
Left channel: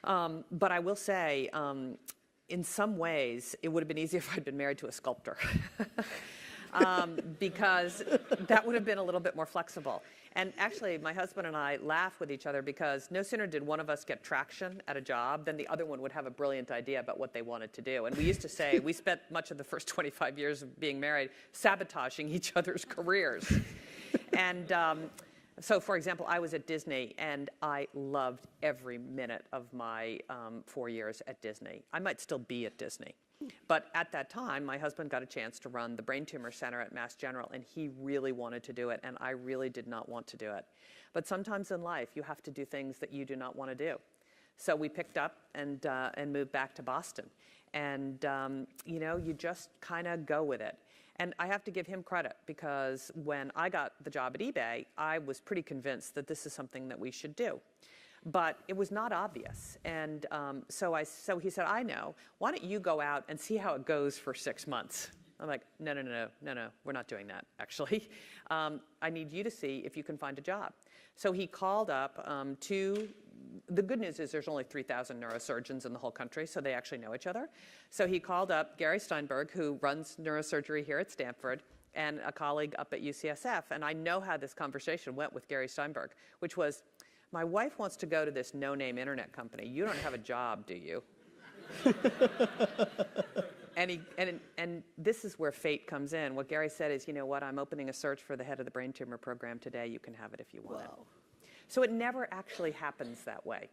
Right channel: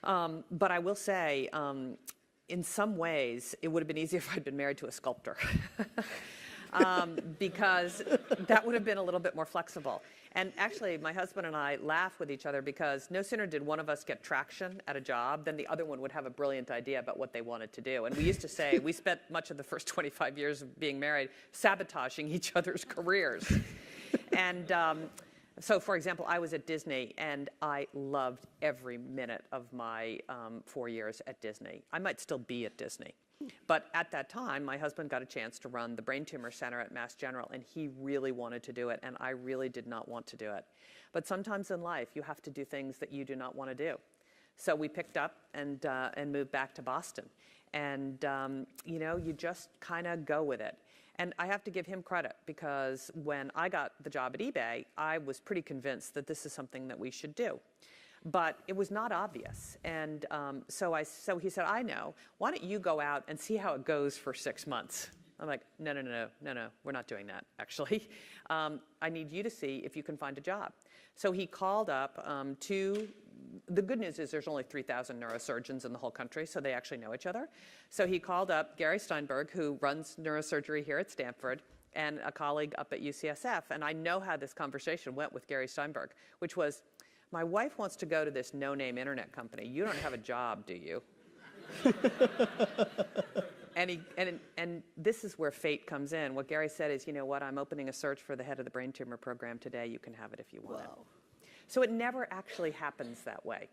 But I will say, in some ways, it would have been easier if I'd been married to a sculptor. Because that would have been a little bit more flexible. And actually, my husband and I laugh with each other because no sooner did one of us get traction at a job than the other one would have a brilliant idea about what they wanted to do. And we used to say, we spent much of the first 25 years of being married sabotaging each other's careers. And So, for example, I was at Disney, and I loved every minute of my 4 years at Disney. I might still be at Disney. But at that time, my husband got a chance to run the Brain Tumor Center at Mass General, and he really wanted to do it, and I really did not want to do it. But sometimes in life, you have to do things that you do not want to do. So we picked up and moved back to Boston. And, you just kind of go with it. And I have to give him credit, because when I got the job at eBay, I was pretty convinced that this is something that we should do. But it was not obvious. And so he said, I know, why don't you go out and see how it goes for 6 months? I'm like, no, we're not doing that, actually. I need you to see if you can find a job. So he called up the good news is there's only 3,000 neurosurgeons in the whole country, so they actually know each other. So he called up Gary Steinberg, who runs neurosurgery here at Stanford, and a colleague up at UCSF. And I know how this conversation went with Gary Steinberg, which was, my wife wants to go to this no-name internet company. You don't have a job, do you? And this is where fate comes in. What Gary said is, you know what, I'm opening a search for the head of the brain tumor program today. You can have it if you want it. So it never actually happens that way.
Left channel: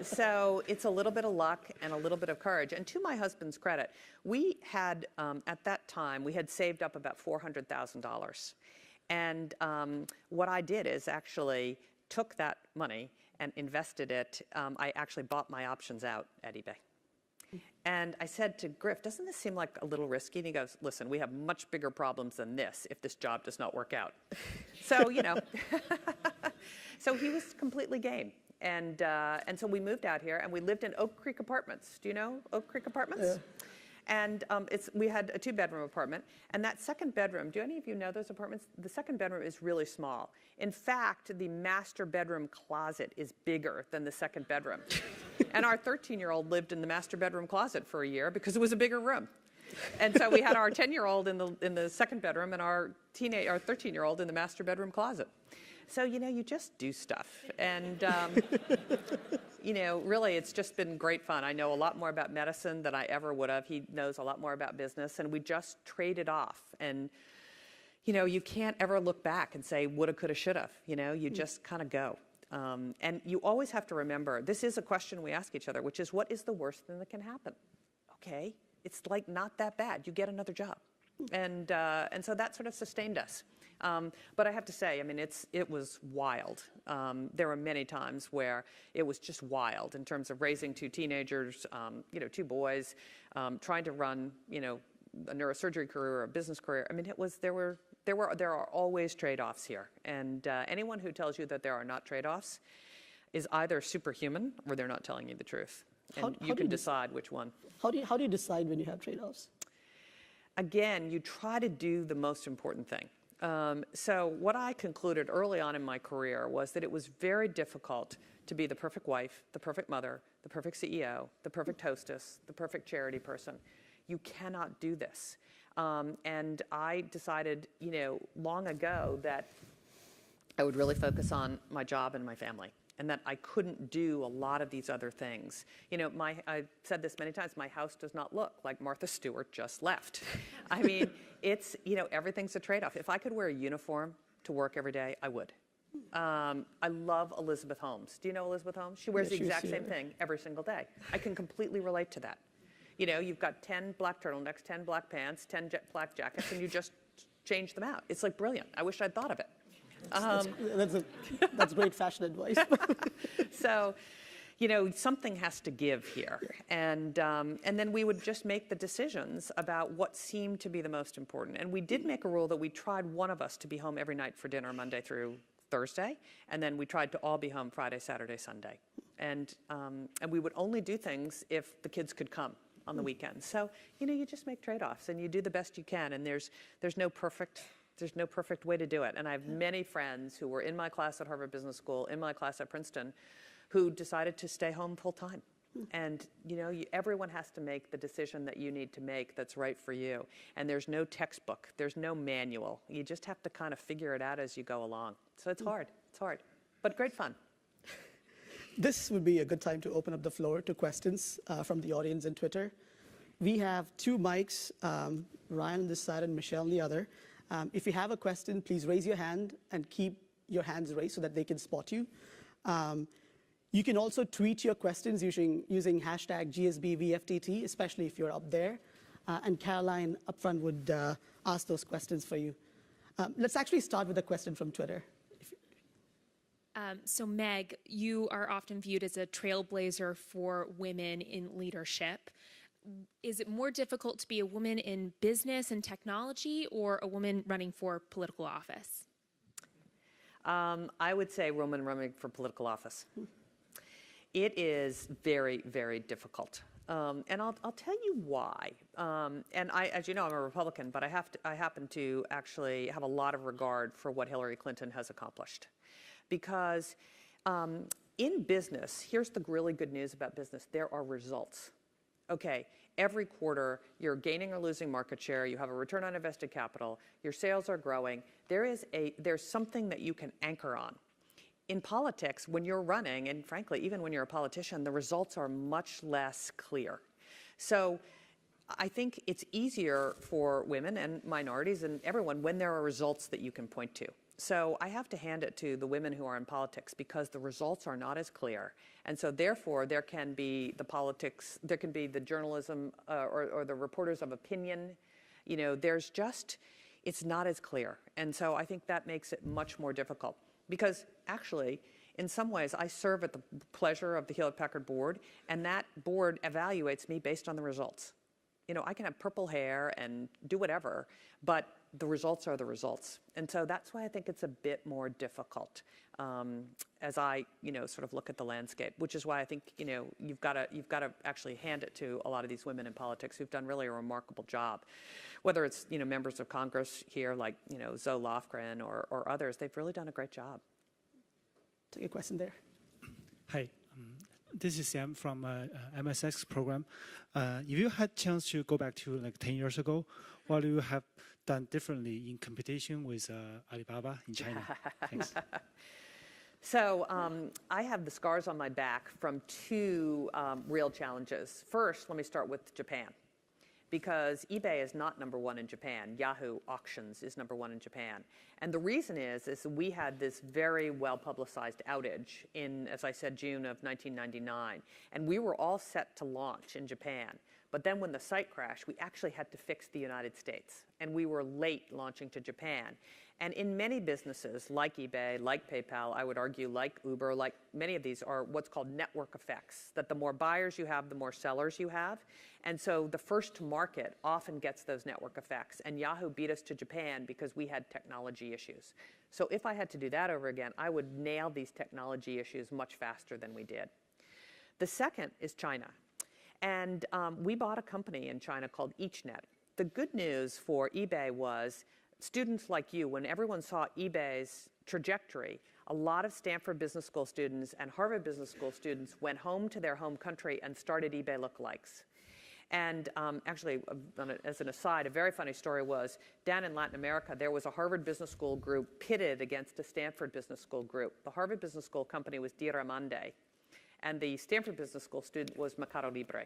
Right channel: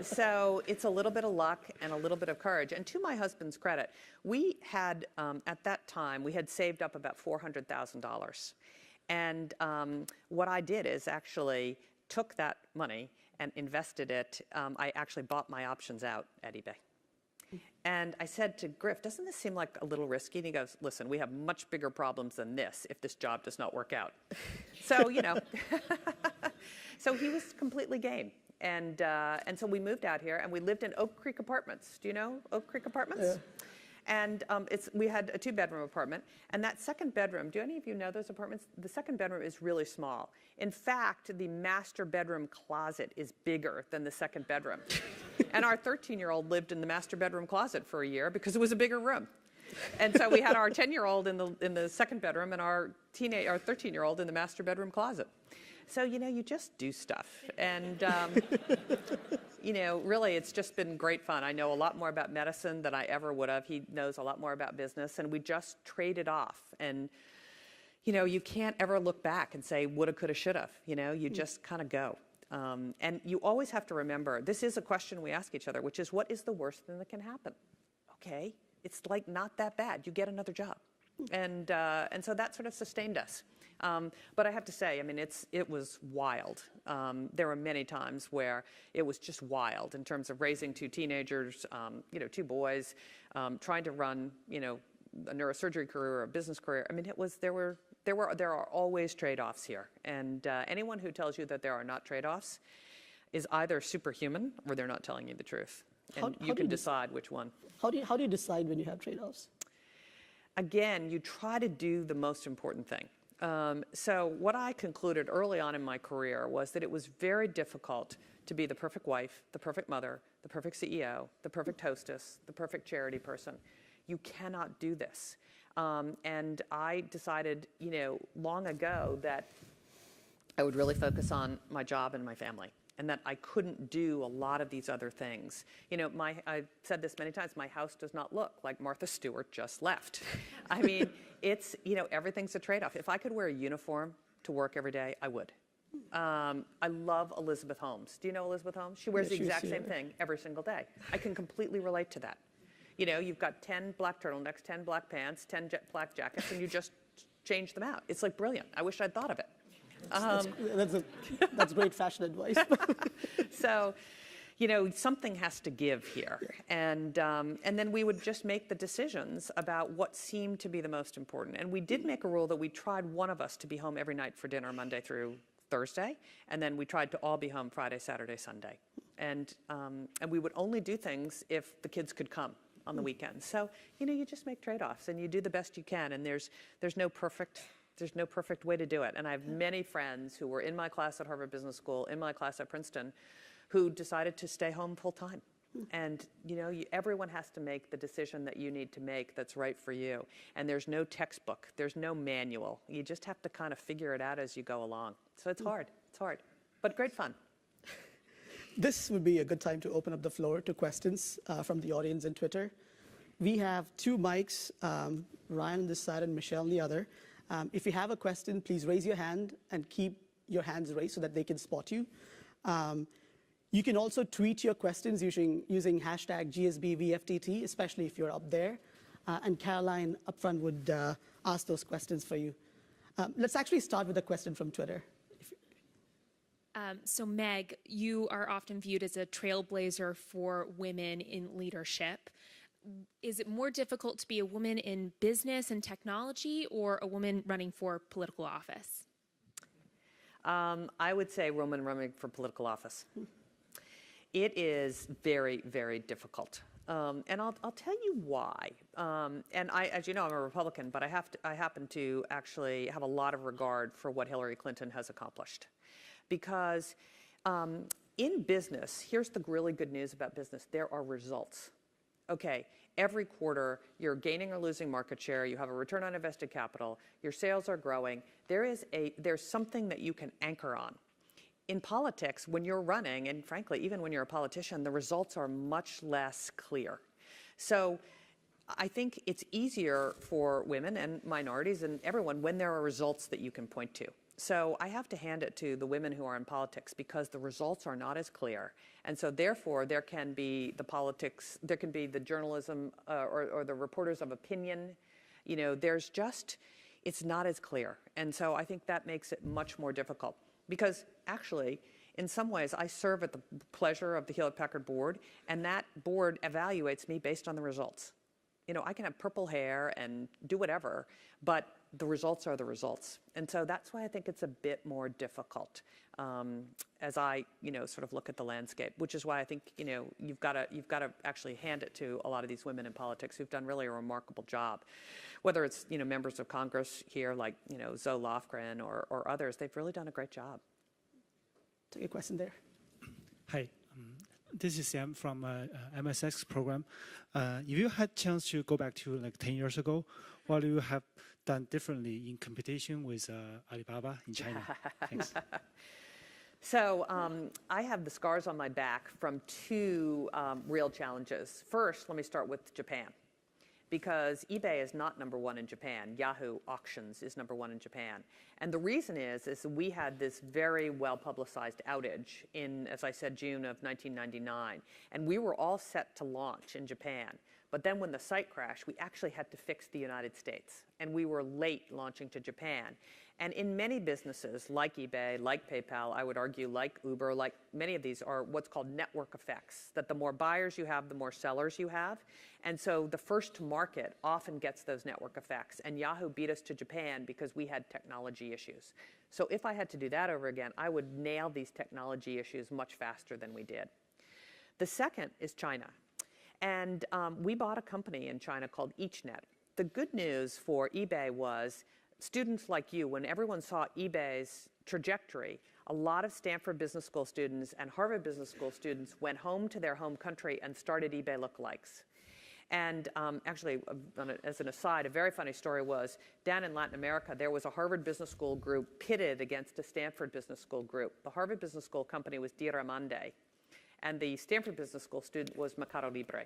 So it's a little bit of luck and a little bit of courage. And to my husband's credit, we had, at that time, we had saved up about $400,000. And what I did is actually took that money and invested it. I actually bought my options out at eBay. And I said to Griff, doesn't this seem like a little risky? And he goes, listen, we have much bigger problems than this if this job does not work out. So, so he was completely game. And so we moved out here, and we lived in Oak Creek Apartments. Do you know Oak Creek Apartments? Yeah. And we had a 2-bedroom apartment. And that second bedroom, do any of you know those apartments? The second bedroom is really small. In fact, the master bedroom closet is bigger than the second bedroom. And our 13-year-old lived in the master bedroom closet for a year because it was a bigger room. And so we had our 10-year-old in the second bedroom and our 13-year-old in the master bedroom closet. So, you just do stuff. And, really, it's just been great fun. I know a lot more about medicine than I ever would have. He knows a lot more about business, and we just traded off. And, you can't ever look back and say, woulda, coulda, shoulda. You just kind of go. And you always have to remember, this is a question we ask each other, which is, what is the worst thing that can happen? Okay, it's like not that bad. You get another job. And so that sort of sustained us. But I have to say, it was wild. There were many times where it was just wild in terms of raising 2 teenagers, 2 boys, trying to run, a neurosurgery career or a business career. There are always trade-offs here. And anyone who tells you that there are not trade-offs is either superhuman or they're not telling you the truth. And you can decide which one. How do you decide when you have trade-offs? Again, you try to do the most important thing. So what I concluded early on in my career was that it was very difficult to be the perfect wife, the perfect mother, the perfect CEO, the perfect hostess, the perfect charity person. You cannot do this. And I decided, long ago that I would really focus on my job and my family, and that I couldn't do a lot of these other things. I've said this many times, my house does not look like Martha Stewart just left. It's, everything's a trade-off. If I could wear a uniform to work every day, I would. I love Elizabeth Holmes. Do you know Elizabeth Holmes? She wears the exact same thing every single day. I can completely relate to that. You've got 10 black turtlenecks, 10 black pants, 10 black jackets, and you just change them out. It's like brilliant. I wish I'd thought of it. That's great fashion advice. So, something has to give here. And then we would just make the decisions about what seemed to be the most important. And we did make a rule that we tried one of us to be home every night for dinner, Monday through Thursday. And then we tried to all be home Friday, Saturday, Sunday. And we would only do things if the kids could come on the weekends. So, you just make trade-offs and you do the best you can. And there's no perfect way to do it. And I have many friends who were in my class at Harvard Business School, in my class at Princeton, who decided to stay home full time. And, everyone has to make the decision that you need to make that's right for you. And there's no textbook. There's no manual. You just have to kind of figure it out as you go along. So it's hard. It's hard. But great fun. This would be a good time to open up the floor to questions from the audience and Twitter. We have 2 mics, Ryan on this side and Michelle on the other. If you have a question, please raise your hand and keep your hands raised so that they can spot you. You can also tweet your questions using hashtag GSBVFTT, especially if you're up there. And Caroline up front would ask those questions for you. Let's actually start with a question from Twitter. So Meg, you are often viewed as a trailblazer for women in leadership. Is it more difficult to be a woman in business and technology or a woman running for political office? I would say woman running for political office. It is very, very difficult. And I'll tell you why. And as you know, I'm a Republican, but I happen to actually have a lot of regard for what Hillary Clinton has accomplished. Because in business, here's the really good news about business. There are results. Okay, every quarter, you're gaining or losing market share. You have a return on invested capital. Your sales are growing. There's something that you can anchor on. In politics, when you're running, and frankly, even when you're a politician, the results are much less clear. So I think it's easier for women and minorities and everyone when there are results that you can point to. So I have to hand it to the women who are in politics because the results are not as clear. And so therefore, there can be the politics, there can be the journalism or the reporters of opinion. You know, it's not as clear. And so I think that makes it much more difficult. Because actually, in some ways, I serve at the pleasure of the Hewlett-Packard board, and that board evaluates me based on the results. You know, I can have purple hair and do whatever, but the results are the results. And so that's why I think it's a bit more difficult as I, sort of look at the landscape, which is why I think, you've got to actually hand it to a lot of these women in politics who've done really a remarkable job. Whether it's, members of Congress here like, Zoe Lofgren or others, they've really done a great job. Take a question there. Hi, this is Sam from MSX program. If you had chance to go back to like 10 years ago, what do you have done differently in competition with Alibaba in China? Thanks. So I have the scars on my back from two real challenges. First, let me start with Japan. Because eBay is not number one in Japan. Yahoo Auctions is number one in Japan. And the reason is we had this very well-publicized outage in, as I said, June of 1999. And we were all set to launch in Japan. But then when the site crashed, we actually had to fix the United States. And we were late launching to Japan. And in many businesses, like eBay, like PayPal, I would argue, like Uber, like many of these are what's called network effects, that the more buyers you have, the more sellers you have. And so the first to market often gets those network effects. And Yahoo beat us to Japan because we had technology issues. So if I had to do that over again, I would nail these technology issues much faster than we did. The second is China. And we bought a company in China called EachNet. The good news for eBay was students like you, when everyone saw eBay's trajectory, a lot of Stanford Business School students and Harvard Business School students went home to their home country and started eBay lookalikes. And actually, as an aside, a very funny story was down in Latin America, there was a Harvard Business School group pitted against a Stanford Business School group. The Harvard Business School company was Diramande, and the Stanford Business School student was Mercado Libre.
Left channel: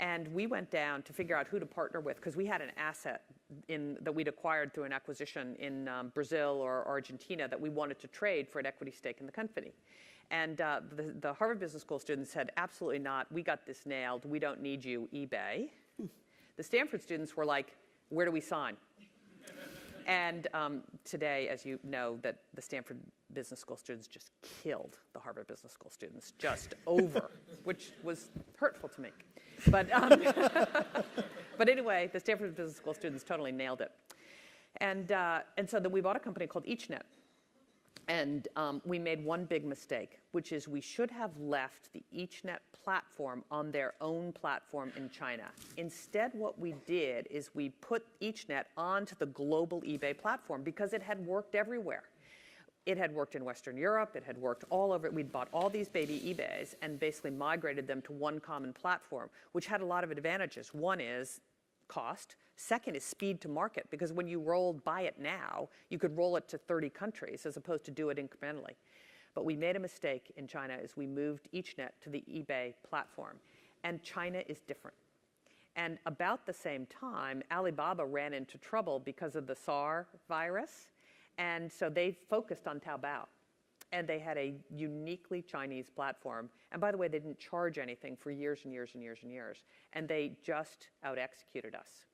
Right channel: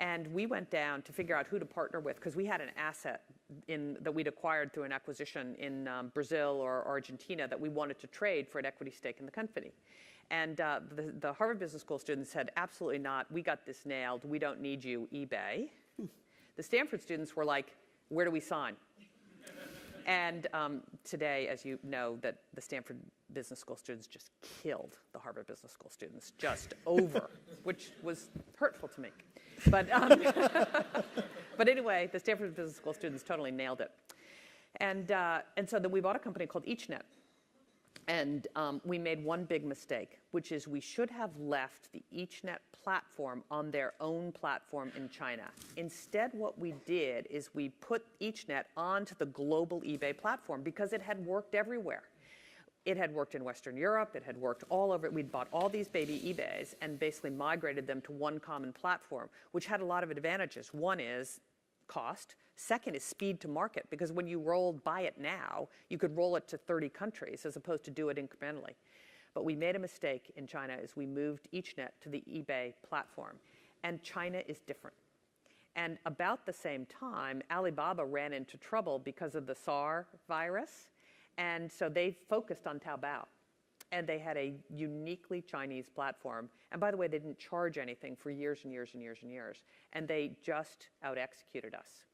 And we went down to figure out who to partner with because we had an asset that we'd acquired through an acquisition in Brazil or Argentina that we wanted to trade for an equity stake in the company. And the Harvard Business School students said, absolutely not. We got this nailed. We don't need you, eBay. The Stanford students were like, where do we sign? And today, as you know, that the Stanford Business School students just killed the Harvard Business School students just over, which was hurtful to me. But, but anyway, the Stanford Business School students totally nailed it. And so then we bought a company called EachNet. And we made one big mistake, which is we should have left the EachNet platform on their own platform in China. Instead, what we did is we put EachNet onto the global eBay platform because it had worked everywhere. It had worked in Western Europe. It had worked all over. We'd bought all these baby eBays and basically migrated them to one common platform, which had a lot of advantages. One is cost. Second is speed to market, because when you buy it now, you could roll it to 30 countries as opposed to do it incrementally. But we made a mistake in China as we moved EachNet to the eBay platform. And China is different. And about the same time, Alibaba ran into trouble because of the SARS virus. And so they focused on Taobao. And they had a uniquely Chinese platform. And by the way, they didn't charge anything for years and years and years and years. And they just out-executed us.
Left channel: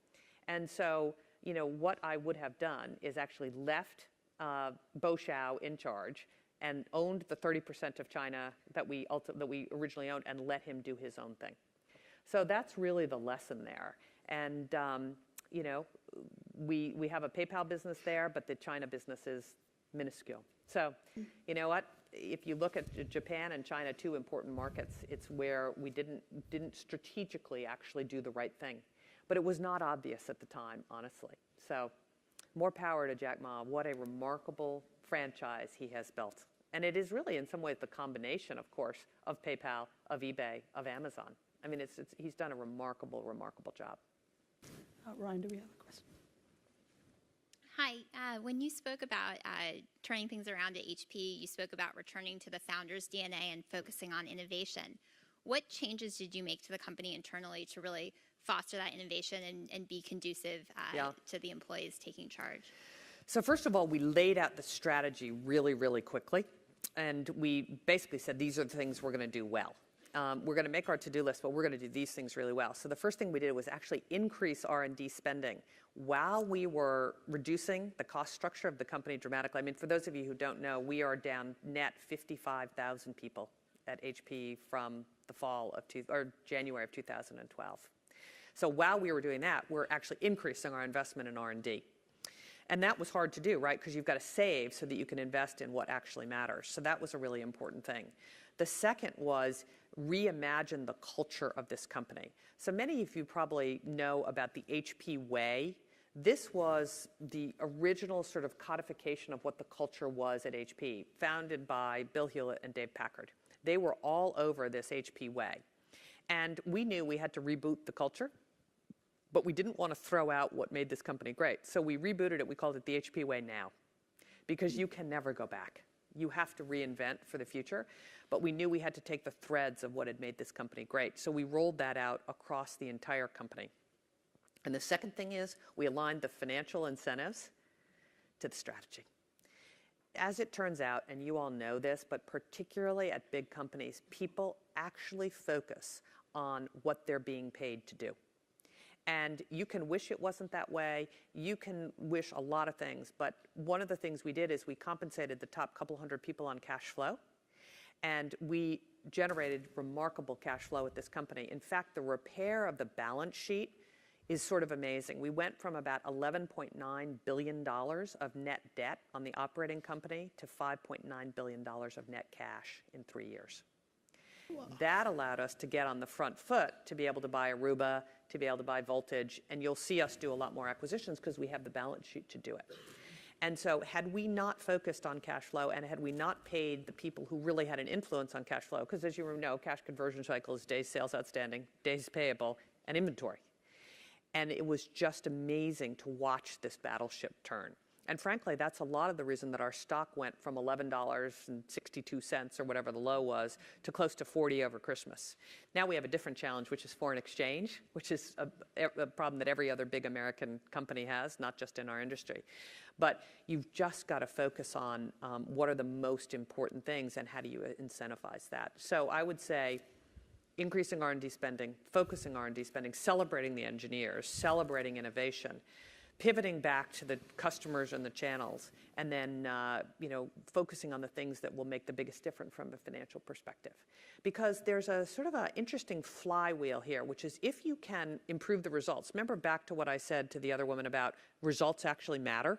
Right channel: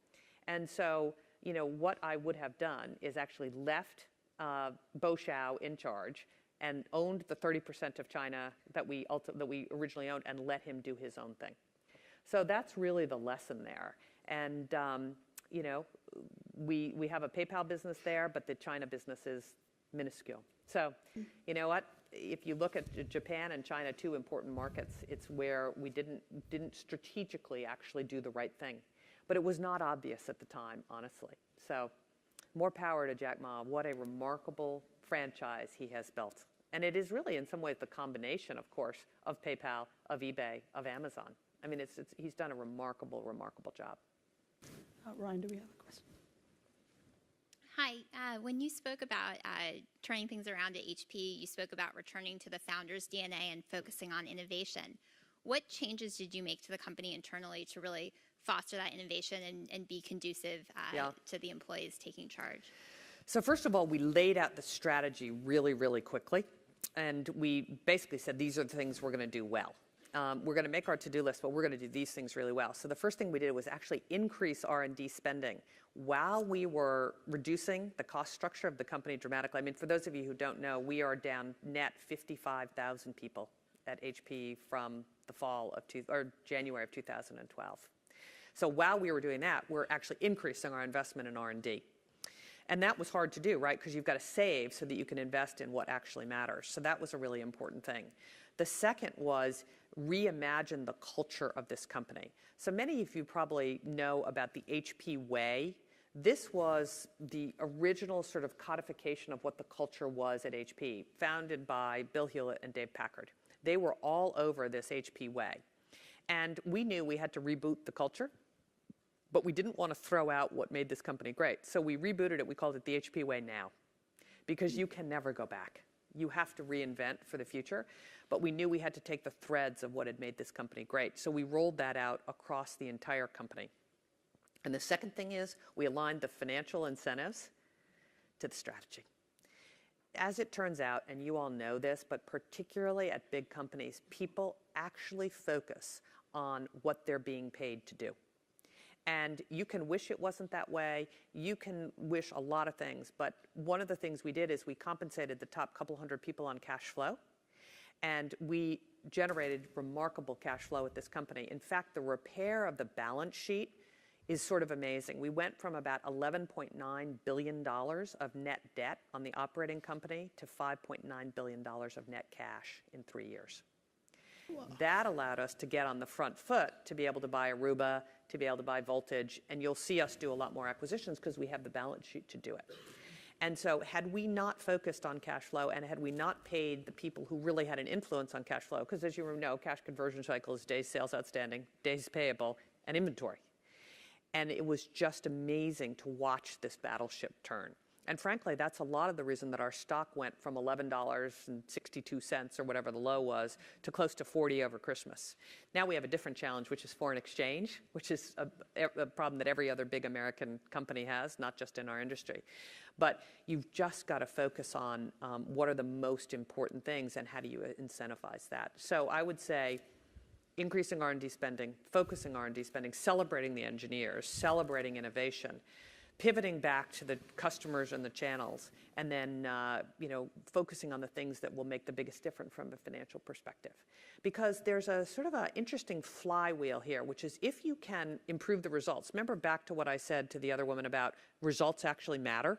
And so, you know, what I would have done is actually left Bo Xiao in charge and owned the 30% of China that we originally owned and let him do his own thing. So that's really the lesson there. And, you know, we have a PayPal business there, but the China business is minuscule. So, you know what? If you look at Japan and China, two important markets, it's where we didn't strategically actually do the right thing. But it was not obvious at the time, honestly. So, more power to Jack Ma. What a remarkable franchise he has built. And it is really, in some ways, the combination, of course, of PayPal, of eBay, of Amazon. I mean, he's done a remarkable, remarkable job. Ryan, do we have a question? Hi. When you spoke about turning things around at HP, you spoke about returning to the founder's DNA and focusing on innovation. What changes did you make to the company internally to really foster that innovation and be conducive to the employees taking charge? So first of all, we laid out the strategy really, really quickly. And we basically said, these are the things we're going to do well. We're going to make our to-do list, but we're going to do these things really well. So the first thing we did was actually increase R&D spending while we were reducing the cost structure of the company dramatically. I mean, for those of you who don't know, we are down net 55,000 people at HP from the January of 2012. So while we were doing that, we're actually increasing our investment in R&D. And that was hard to do, right? Because you've got to save so that you can invest in what actually matters. So that was a really important thing. The second was reimagine the culture of this company. So many of you probably know about the HP way. This was the original sort of codification of what the culture was at HP, founded by Bill Hewlett and Dave Packard. They were all over this HP way. And we knew we had to reboot the culture, but we didn't want to throw out what made this company great. So we rebooted it. We called it the HP way now, because you can never go back. You have to reinvent for the future. But we knew we had to take the threads of what had made this company great. So we rolled that out across the entire company. And the second thing is we aligned the financial incentives to the strategy. As it turns out, and you all know this, but particularly at big companies, people actually focus on what they're being paid to do. And you can wish it wasn't that way. You can wish a lot of things. But one of the things we did is we compensated the top couple hundred people on cash flow. And we generated remarkable cash flow at this company. In fact, the repair of the balance sheet is sort of amazing. We went from about $11.9 billion of net debt on the operating company to $5.9 billion of net cash in 3 years. Wow. That allowed us to get on the front foot to be able to buy Aruba, to be able to buy Voltage, and you'll see us do a lot more acquisitions because we have the balance sheet to do it. And so had we not focused on cash flow and had we not paid the people who really had an influence on cash flow, because as you know, cash conversion cycle is days sales outstanding, days payable, and inventory. And it was just amazing to watch this battleship turn. And frankly, that's a lot of the reason that our stock went from $11.62 or whatever the low was to close to 40 over Christmas. Now we have a different challenge, which is foreign exchange, which is a problem that every other big American company has, not just in our industry. But you've just got to focus on what are the most important things and how do you incentivize that. So I would say increasing R&D spending, focusing R&D spending, celebrating the engineers, celebrating innovation, pivoting back to the customers and the channels, and then focusing on the things that will make the biggest difference from a financial perspective. Because there's a sort of an interesting flywheel here, which is if you can improve the results. Remember back to what I said to the other woman about results actually matter?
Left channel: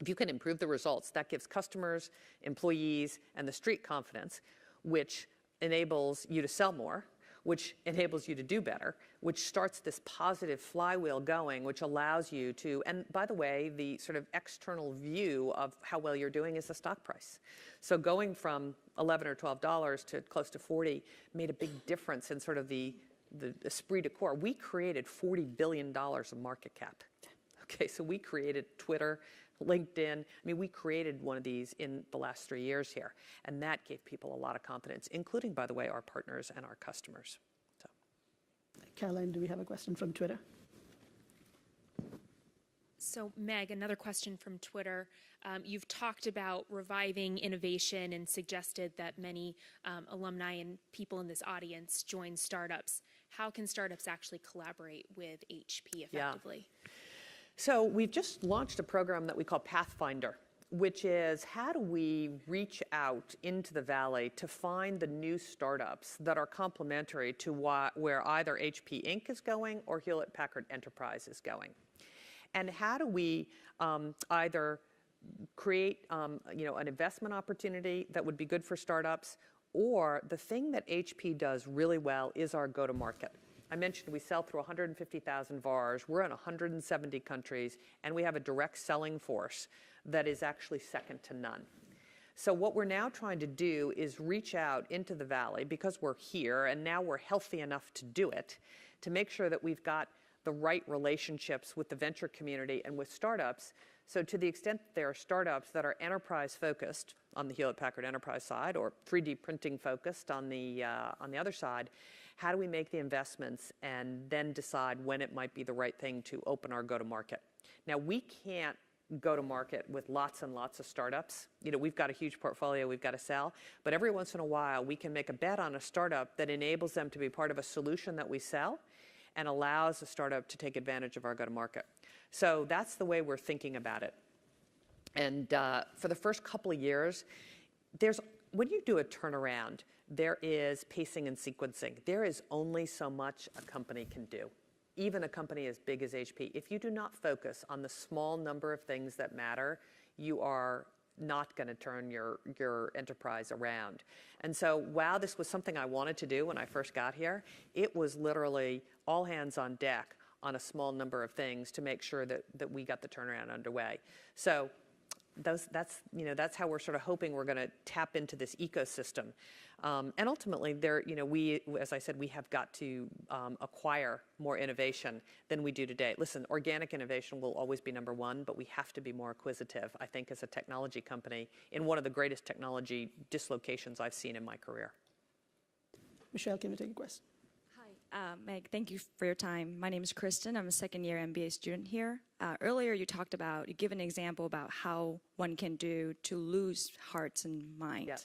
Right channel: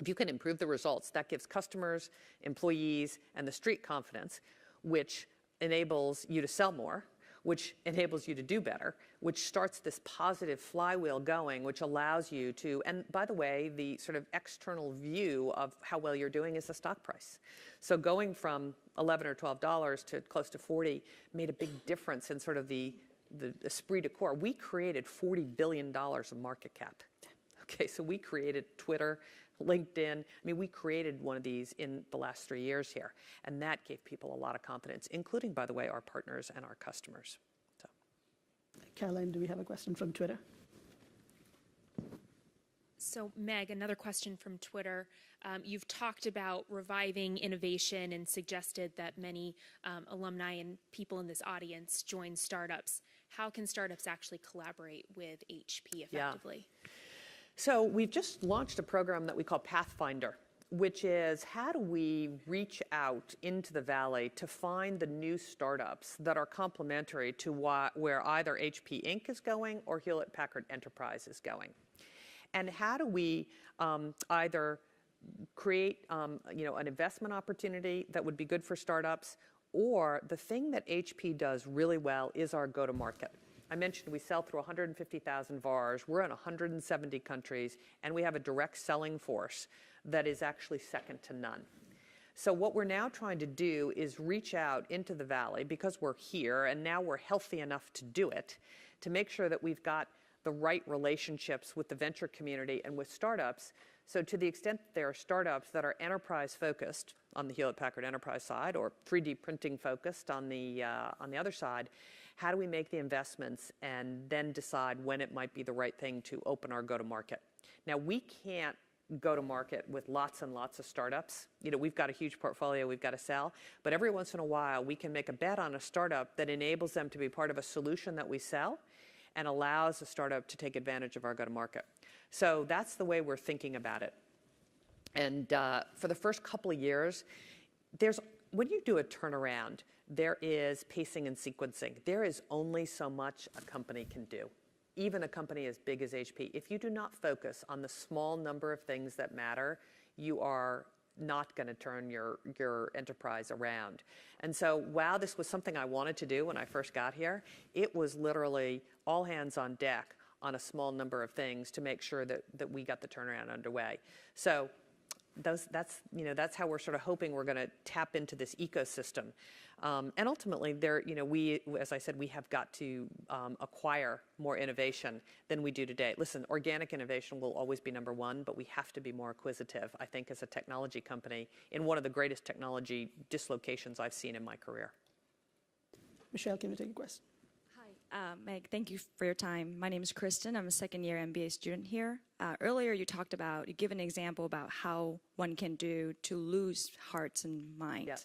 If you can improve the results, that gives customers, employees, and the street confidence, which enables you to sell more, which enables you to do better, which starts this positive flywheel going, which allows you to, and by the way, the sort of external view of how well you're doing is the stock price. So going from $11 or $12 to close to 40 made a big difference in sort of the esprit de corps. We created $40 billion of market cap. Okay, so we created Twitter, LinkedIn. I mean, we created one of these in the last 3 years here, and that gave people a lot of confidence, including, by the way, our partners and our customers. So. Thank Caroline, do we have a question from Twitter? So, Meg, another question from Twitter. You've talked about reviving innovation and suggested that many alumni and people in this audience join startups. How can startups actually collaborate with HP effectively? So we've just launched a program that we call Pathfinder, which is how do we reach out into the Valley to find the new startups that are complementary to where either HP Inc. is going or Hewlett-Packard Enterprise is going. And how do we either create an investment opportunity that would be good for startups, or the thing that HP does really well is our go-to-market. I mentioned we sell through 150,000 VARs, we're in 170 countries, and we have a direct selling force that is actually second to none. So what we're now trying to do is reach out into the Valley, because we're here and now we're healthy enough to do it, to make sure that we've got the right relationships with the venture community and with startups. So to the extent that there are startups that are enterprise focused on the Hewlett-Packard Enterprise side, or 3D printing focused on the other side, how do we make the investments and then decide when it might be the right thing to open our go-to-market? Now, we can't go to market with lots and lots of startups. We've got a huge portfolio we've got to sell, but every once in a while we can make a bet on a startup that enables them to be part of a solution that we sell and allows a startup to take advantage of our go-to-market. So that's the way we're thinking about it. And for the first couple of years, when you do a turnaround, there is pacing and sequencing. There is only so much a company can do, even a company as big as HP. If you do not focus on the small number of things that matter, you are not going to turn your enterprise around. And so while this was something I wanted to do when I first got here, it was literally all hands on deck on a small number of things to make sure that we got the turnaround underway. So that's how we're sort of hoping we're going to tap into this ecosystem. And ultimately, as I said, we have got to acquire more innovation than we do today. Listen, organic innovation will always be number one, but we have to be more acquisitive, I think, as a technology company in one of the greatest technology dislocations I've seen in my career. Michelle, can you take a question? Hi, Meg, thank you for your time. My name is Kristen. I'm a second-year MBA student here. Earlier, you give an example about how one can do to lose hearts and minds. Yeah.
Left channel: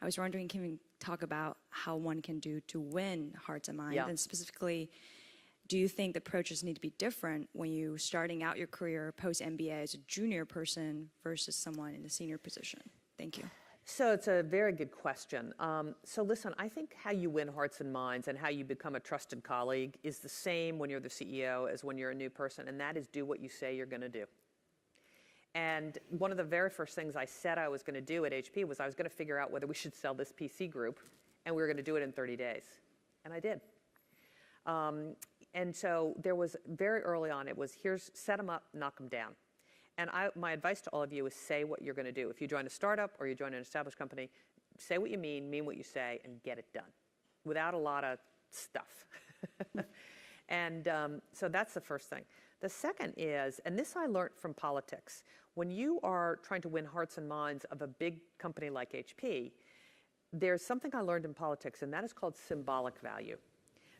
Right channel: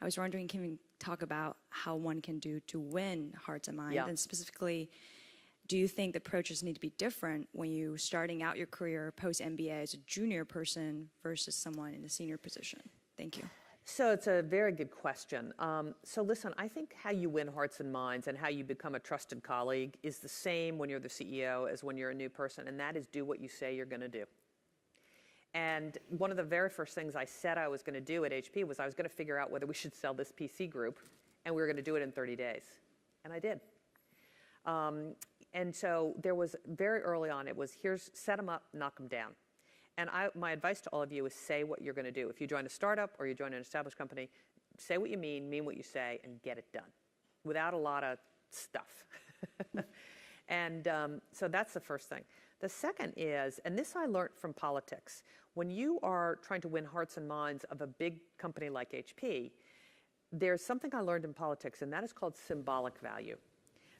I was wondering, can we talk about how one can do to win hearts and minds? Yeah. And specifically, do you think the approaches need to be different when you're starting out your career post-MBA as a junior person versus someone in a senior position? Thank you. So it's a very good question. So listen, I think how you win hearts and minds and how you become a trusted colleague is the same when you're the CEO as when you're a new person, and that is do what you say you're going to do. And one of the very first things I said I was going to do at HP was I was going to figure out whether we should sell this PC group, and we were going to do it in 30 days. And I did. And so there was very early on, it was set them up, knock them down. And my advice to all of you is say what you're going to do. If you join a startup or you join an established company, say what you mean what you say, and get it done without a lot of stuff. And so that's the first thing. The second is, and this I learned from politics, when you are trying to win hearts and minds of a big company like HP, there's something I learned in politics, and that is called symbolic value.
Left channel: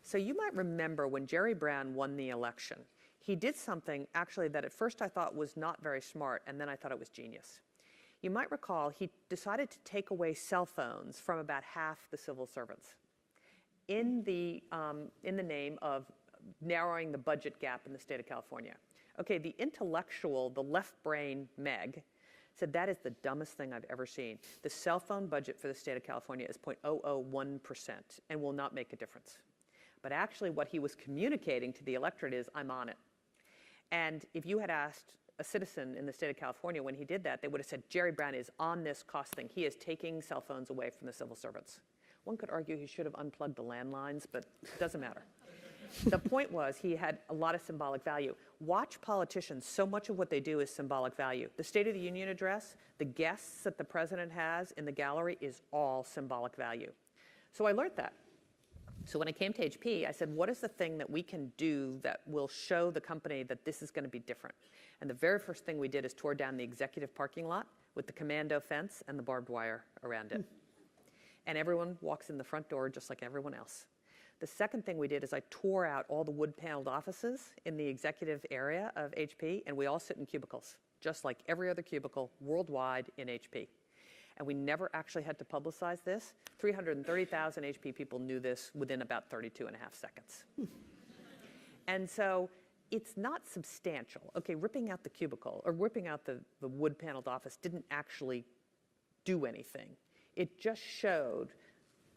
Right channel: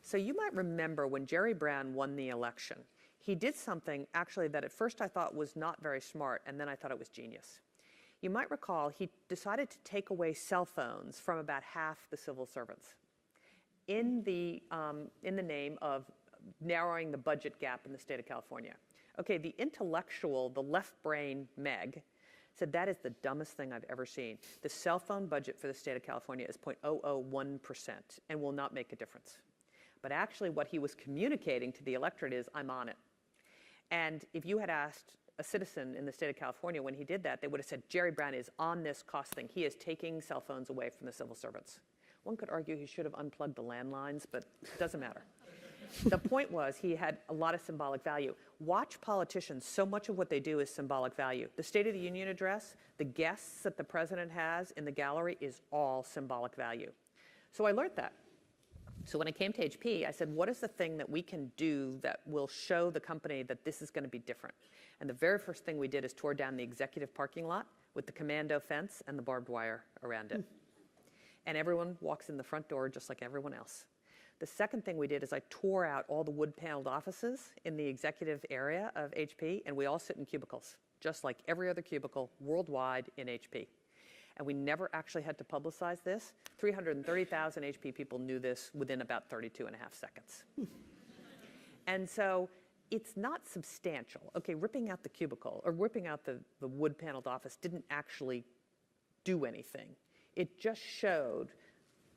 So you might remember when Jerry Brown won the election, he did something actually that at first I thought was not very smart, and then I thought it was genius. You might recall he decided to take away cell phones from about half the civil servants in the name of narrowing the budget gap in the state of California. Okay, the intellectual, the left brain Meg, said that is the dumbest thing I've ever seen. The cell phone budget for the state of California is 0.001% and will not make a difference. But actually what he was communicating to the electorate is, I'm on it. And if you had asked a citizen in the state of California when he did that, they would have said, Jerry Brown is on this cost thing. He is taking cell phones away from the civil servants. One could argue he should have unplugged the landlines, but it doesn't matter. The point was he had a lot of symbolic value. Watch politicians. So much of what they do is symbolic value. The State of the Union address, the guests that the president has in the gallery is all symbolic value. So I learned that. So when I came to HP, I said, what is the thing that we can do that will show the company that this is going to be different? And the very first thing we did is tore down the executive parking lot with the commando fence and the barbed wire around it. And everyone walks in the front door just like everyone else. The second thing we did is I tore out all the wood-paneled offices in the executive area of HP, and we all sit in cubicles, just like every other cubicle worldwide in HP. And we never actually had to publicize this. 330,000 HP people knew this within about 32 and a half seconds. And so it's not substantial. Okay, ripping out the cubicle or ripping out the wood-paneled office didn't actually do anything. It just showed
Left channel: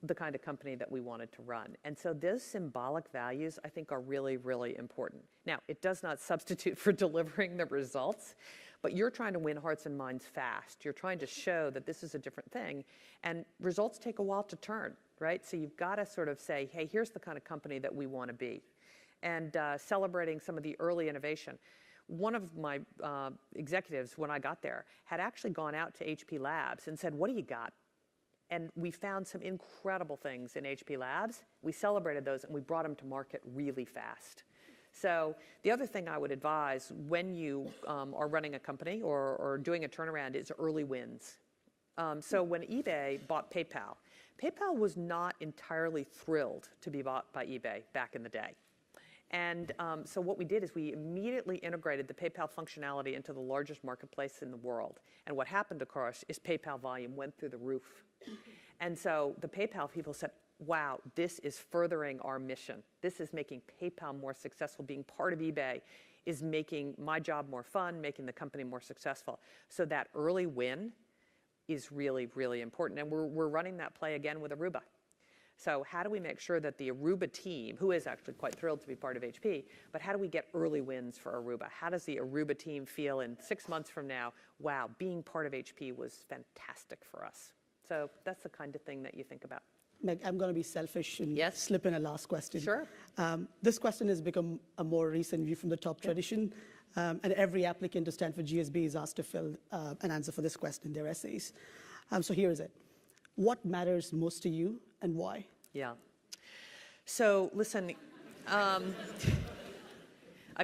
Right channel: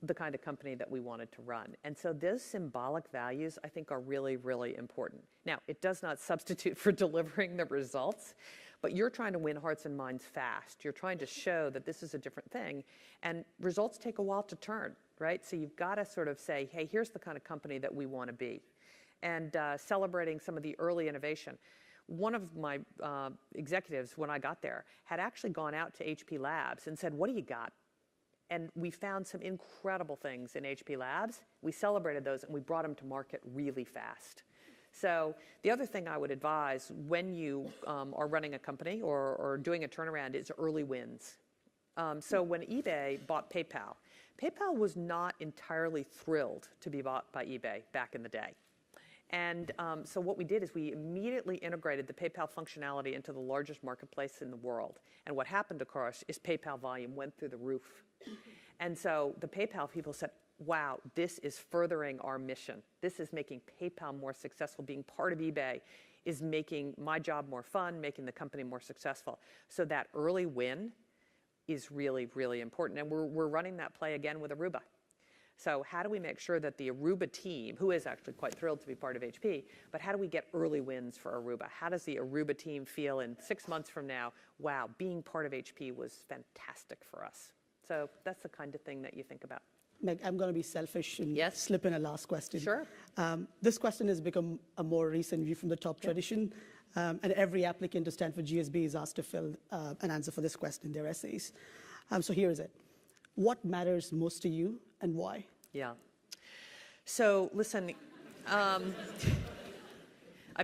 the kind of company that we wanted to run. And so those symbolic values, I think, are really, really important. Now, it does not substitute for delivering the results, but you're trying to win hearts and minds fast. You're trying to show that this is a different thing. And results take a while to turn, right? So you've got to sort of say, hey, here's the kind of company that we want to be. And celebrating some of the early innovation. One of my executives, when I got there, had actually gone out to HP Labs and said, what do you got? And we found some incredible things in HP Labs. We celebrated those, and we brought them to market really fast. So the other thing I would advise when you are running a company or doing a turnaround is early wins. So when eBay bought PayPal, PayPal was not entirely thrilled to be bought by eBay back in the day. And so what we did is we immediately integrated the PayPal functionality into the largest marketplace in the world. And what happened, of course, is PayPal volume went through the roof. And so the PayPal people said, wow, this is furthering our mission. This is making PayPal more successful. Being part of eBay is making my job more fun, making the company more successful. So that early win is really, really important. And we're running that play again with Aruba. So how do we make sure that the Aruba team, who is actually quite thrilled to be part of HP, but how do we get early wins for Aruba? How does the Aruba team feel in 6 months from now? Wow, being part of HP was fantastic for us. So that's the kind of thing that you think about. Meg, I'm going to be selfish and Yes. slip in a last question. Sure. This question has become a more recent view from the top tradition, and every applicant to Stanford GSB is asked to fill an answer for this question in their essays. So here is it. What matters most to you and why? Yeah. So listen, I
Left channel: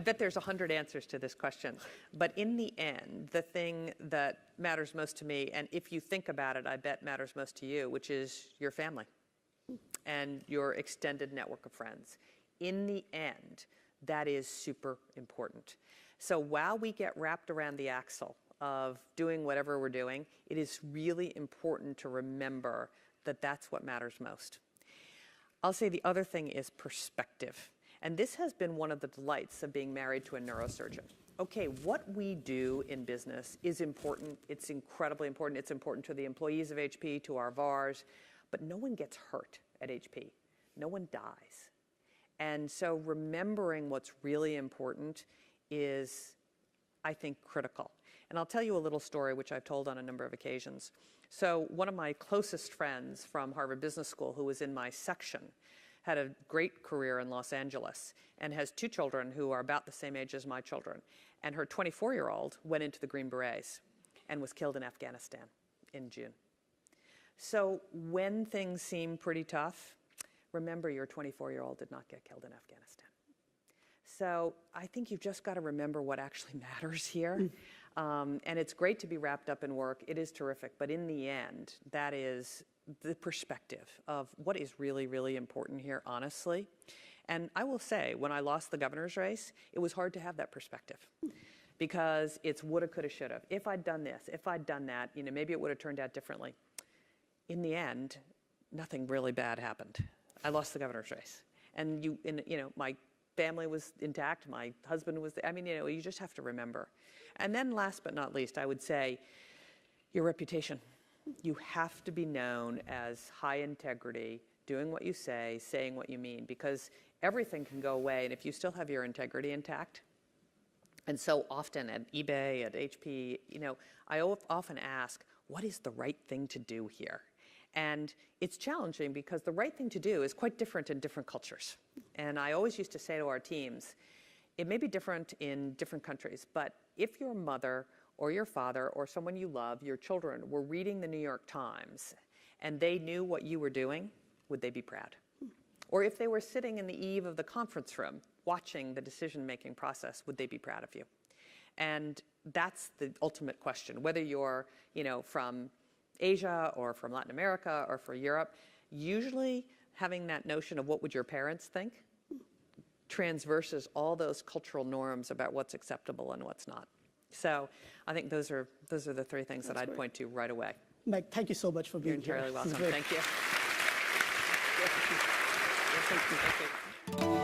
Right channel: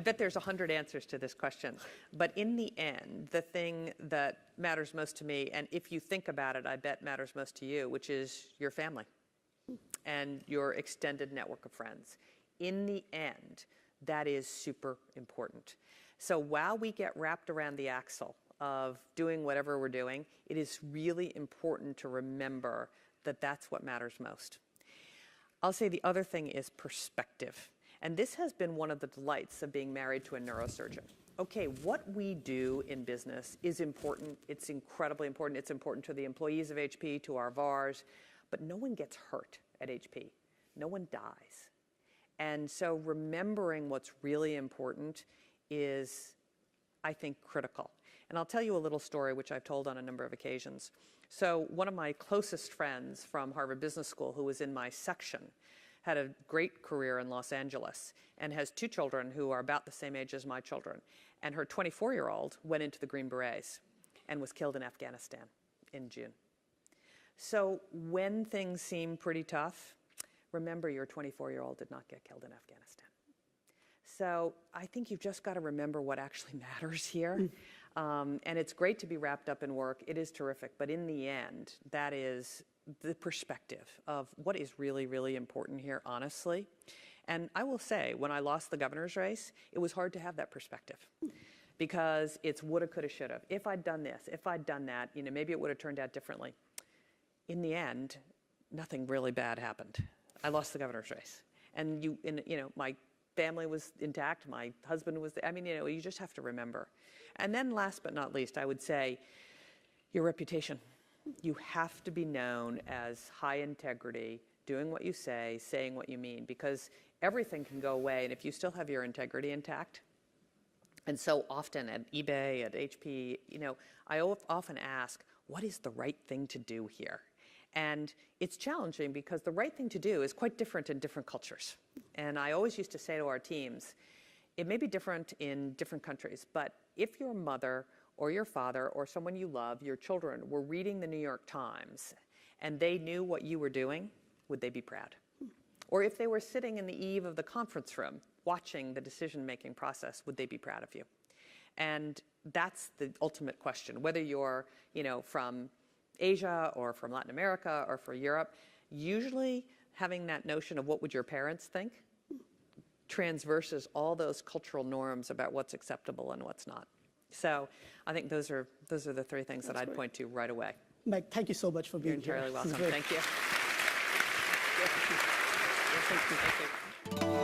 bet there's 100 answers to this question. But in the end, the thing that matters most to me, and if you think about it, I bet matters most to you, which is your family and your extended network of friends. In the end, that is super important. So while we get wrapped around the axle of doing whatever we're doing, it is really important to remember that that's what matters most. I'll say the other thing is perspective. And this has been one of the delights of being married to a neurosurgeon. Okay, what we do in business is important. It's incredibly important. It's important to the employees of HP, to our VARs, but no one gets hurt at HP. No one dies. And so remembering what's really important is, I think, critical. And I'll tell you a little story, which I've told on a number of occasions. So one of my closest friends from Harvard Business School, who was in my section, had a great career in Los Angeles and has 2 children who are about the same age as my children. And her 24-year-old went into the Green Berets and was killed in Afghanistan in June. So when things seem pretty tough, remember your 24-year-old did not get killed in Afghanistan. So I think you've just got to remember what actually matters here. And it's great to be wrapped up in work. It is terrific. But in the end, that is the perspective of what is really, really important here, honestly. And I will say, when I lost the governor's race, it was hard to have that perspective because it's woulda, coulda, shoulda. If I'd done this, if I'd done that, maybe it would have turned out differently. In the end, nothing really bad happened. I lost the governor's race. And my family was intact. My husband was, you just have to remember. And then last but not least, I would say your reputation. You have to be known as high integrity, doing what you say, saying what you mean, because everything can go away. And if you still have your integrity intact, and so often at eBay, at HP, I often ask, what is the right thing to do here? And it's challenging because the right thing to do is quite different in different cultures. And I always used to say to our teams, it may be different in different countries, but if your mother or your father or someone you love, your children, were reading the New York Times and they knew what you were doing, would they be proud? Or if they were sitting in the eve of the conference room watching the decision-making process, would they be proud of you? And that's the ultimate question. Whether you're, from Asia or from Latin America or from Europe, usually having that notion of what would your parents think transverses all those cultural norms about what's acceptable and what's not. So I think those are the three things that I'd point to right away. Meg, thank you so much for being You're here. entirely This is welcome. great. Thank you. Thank you.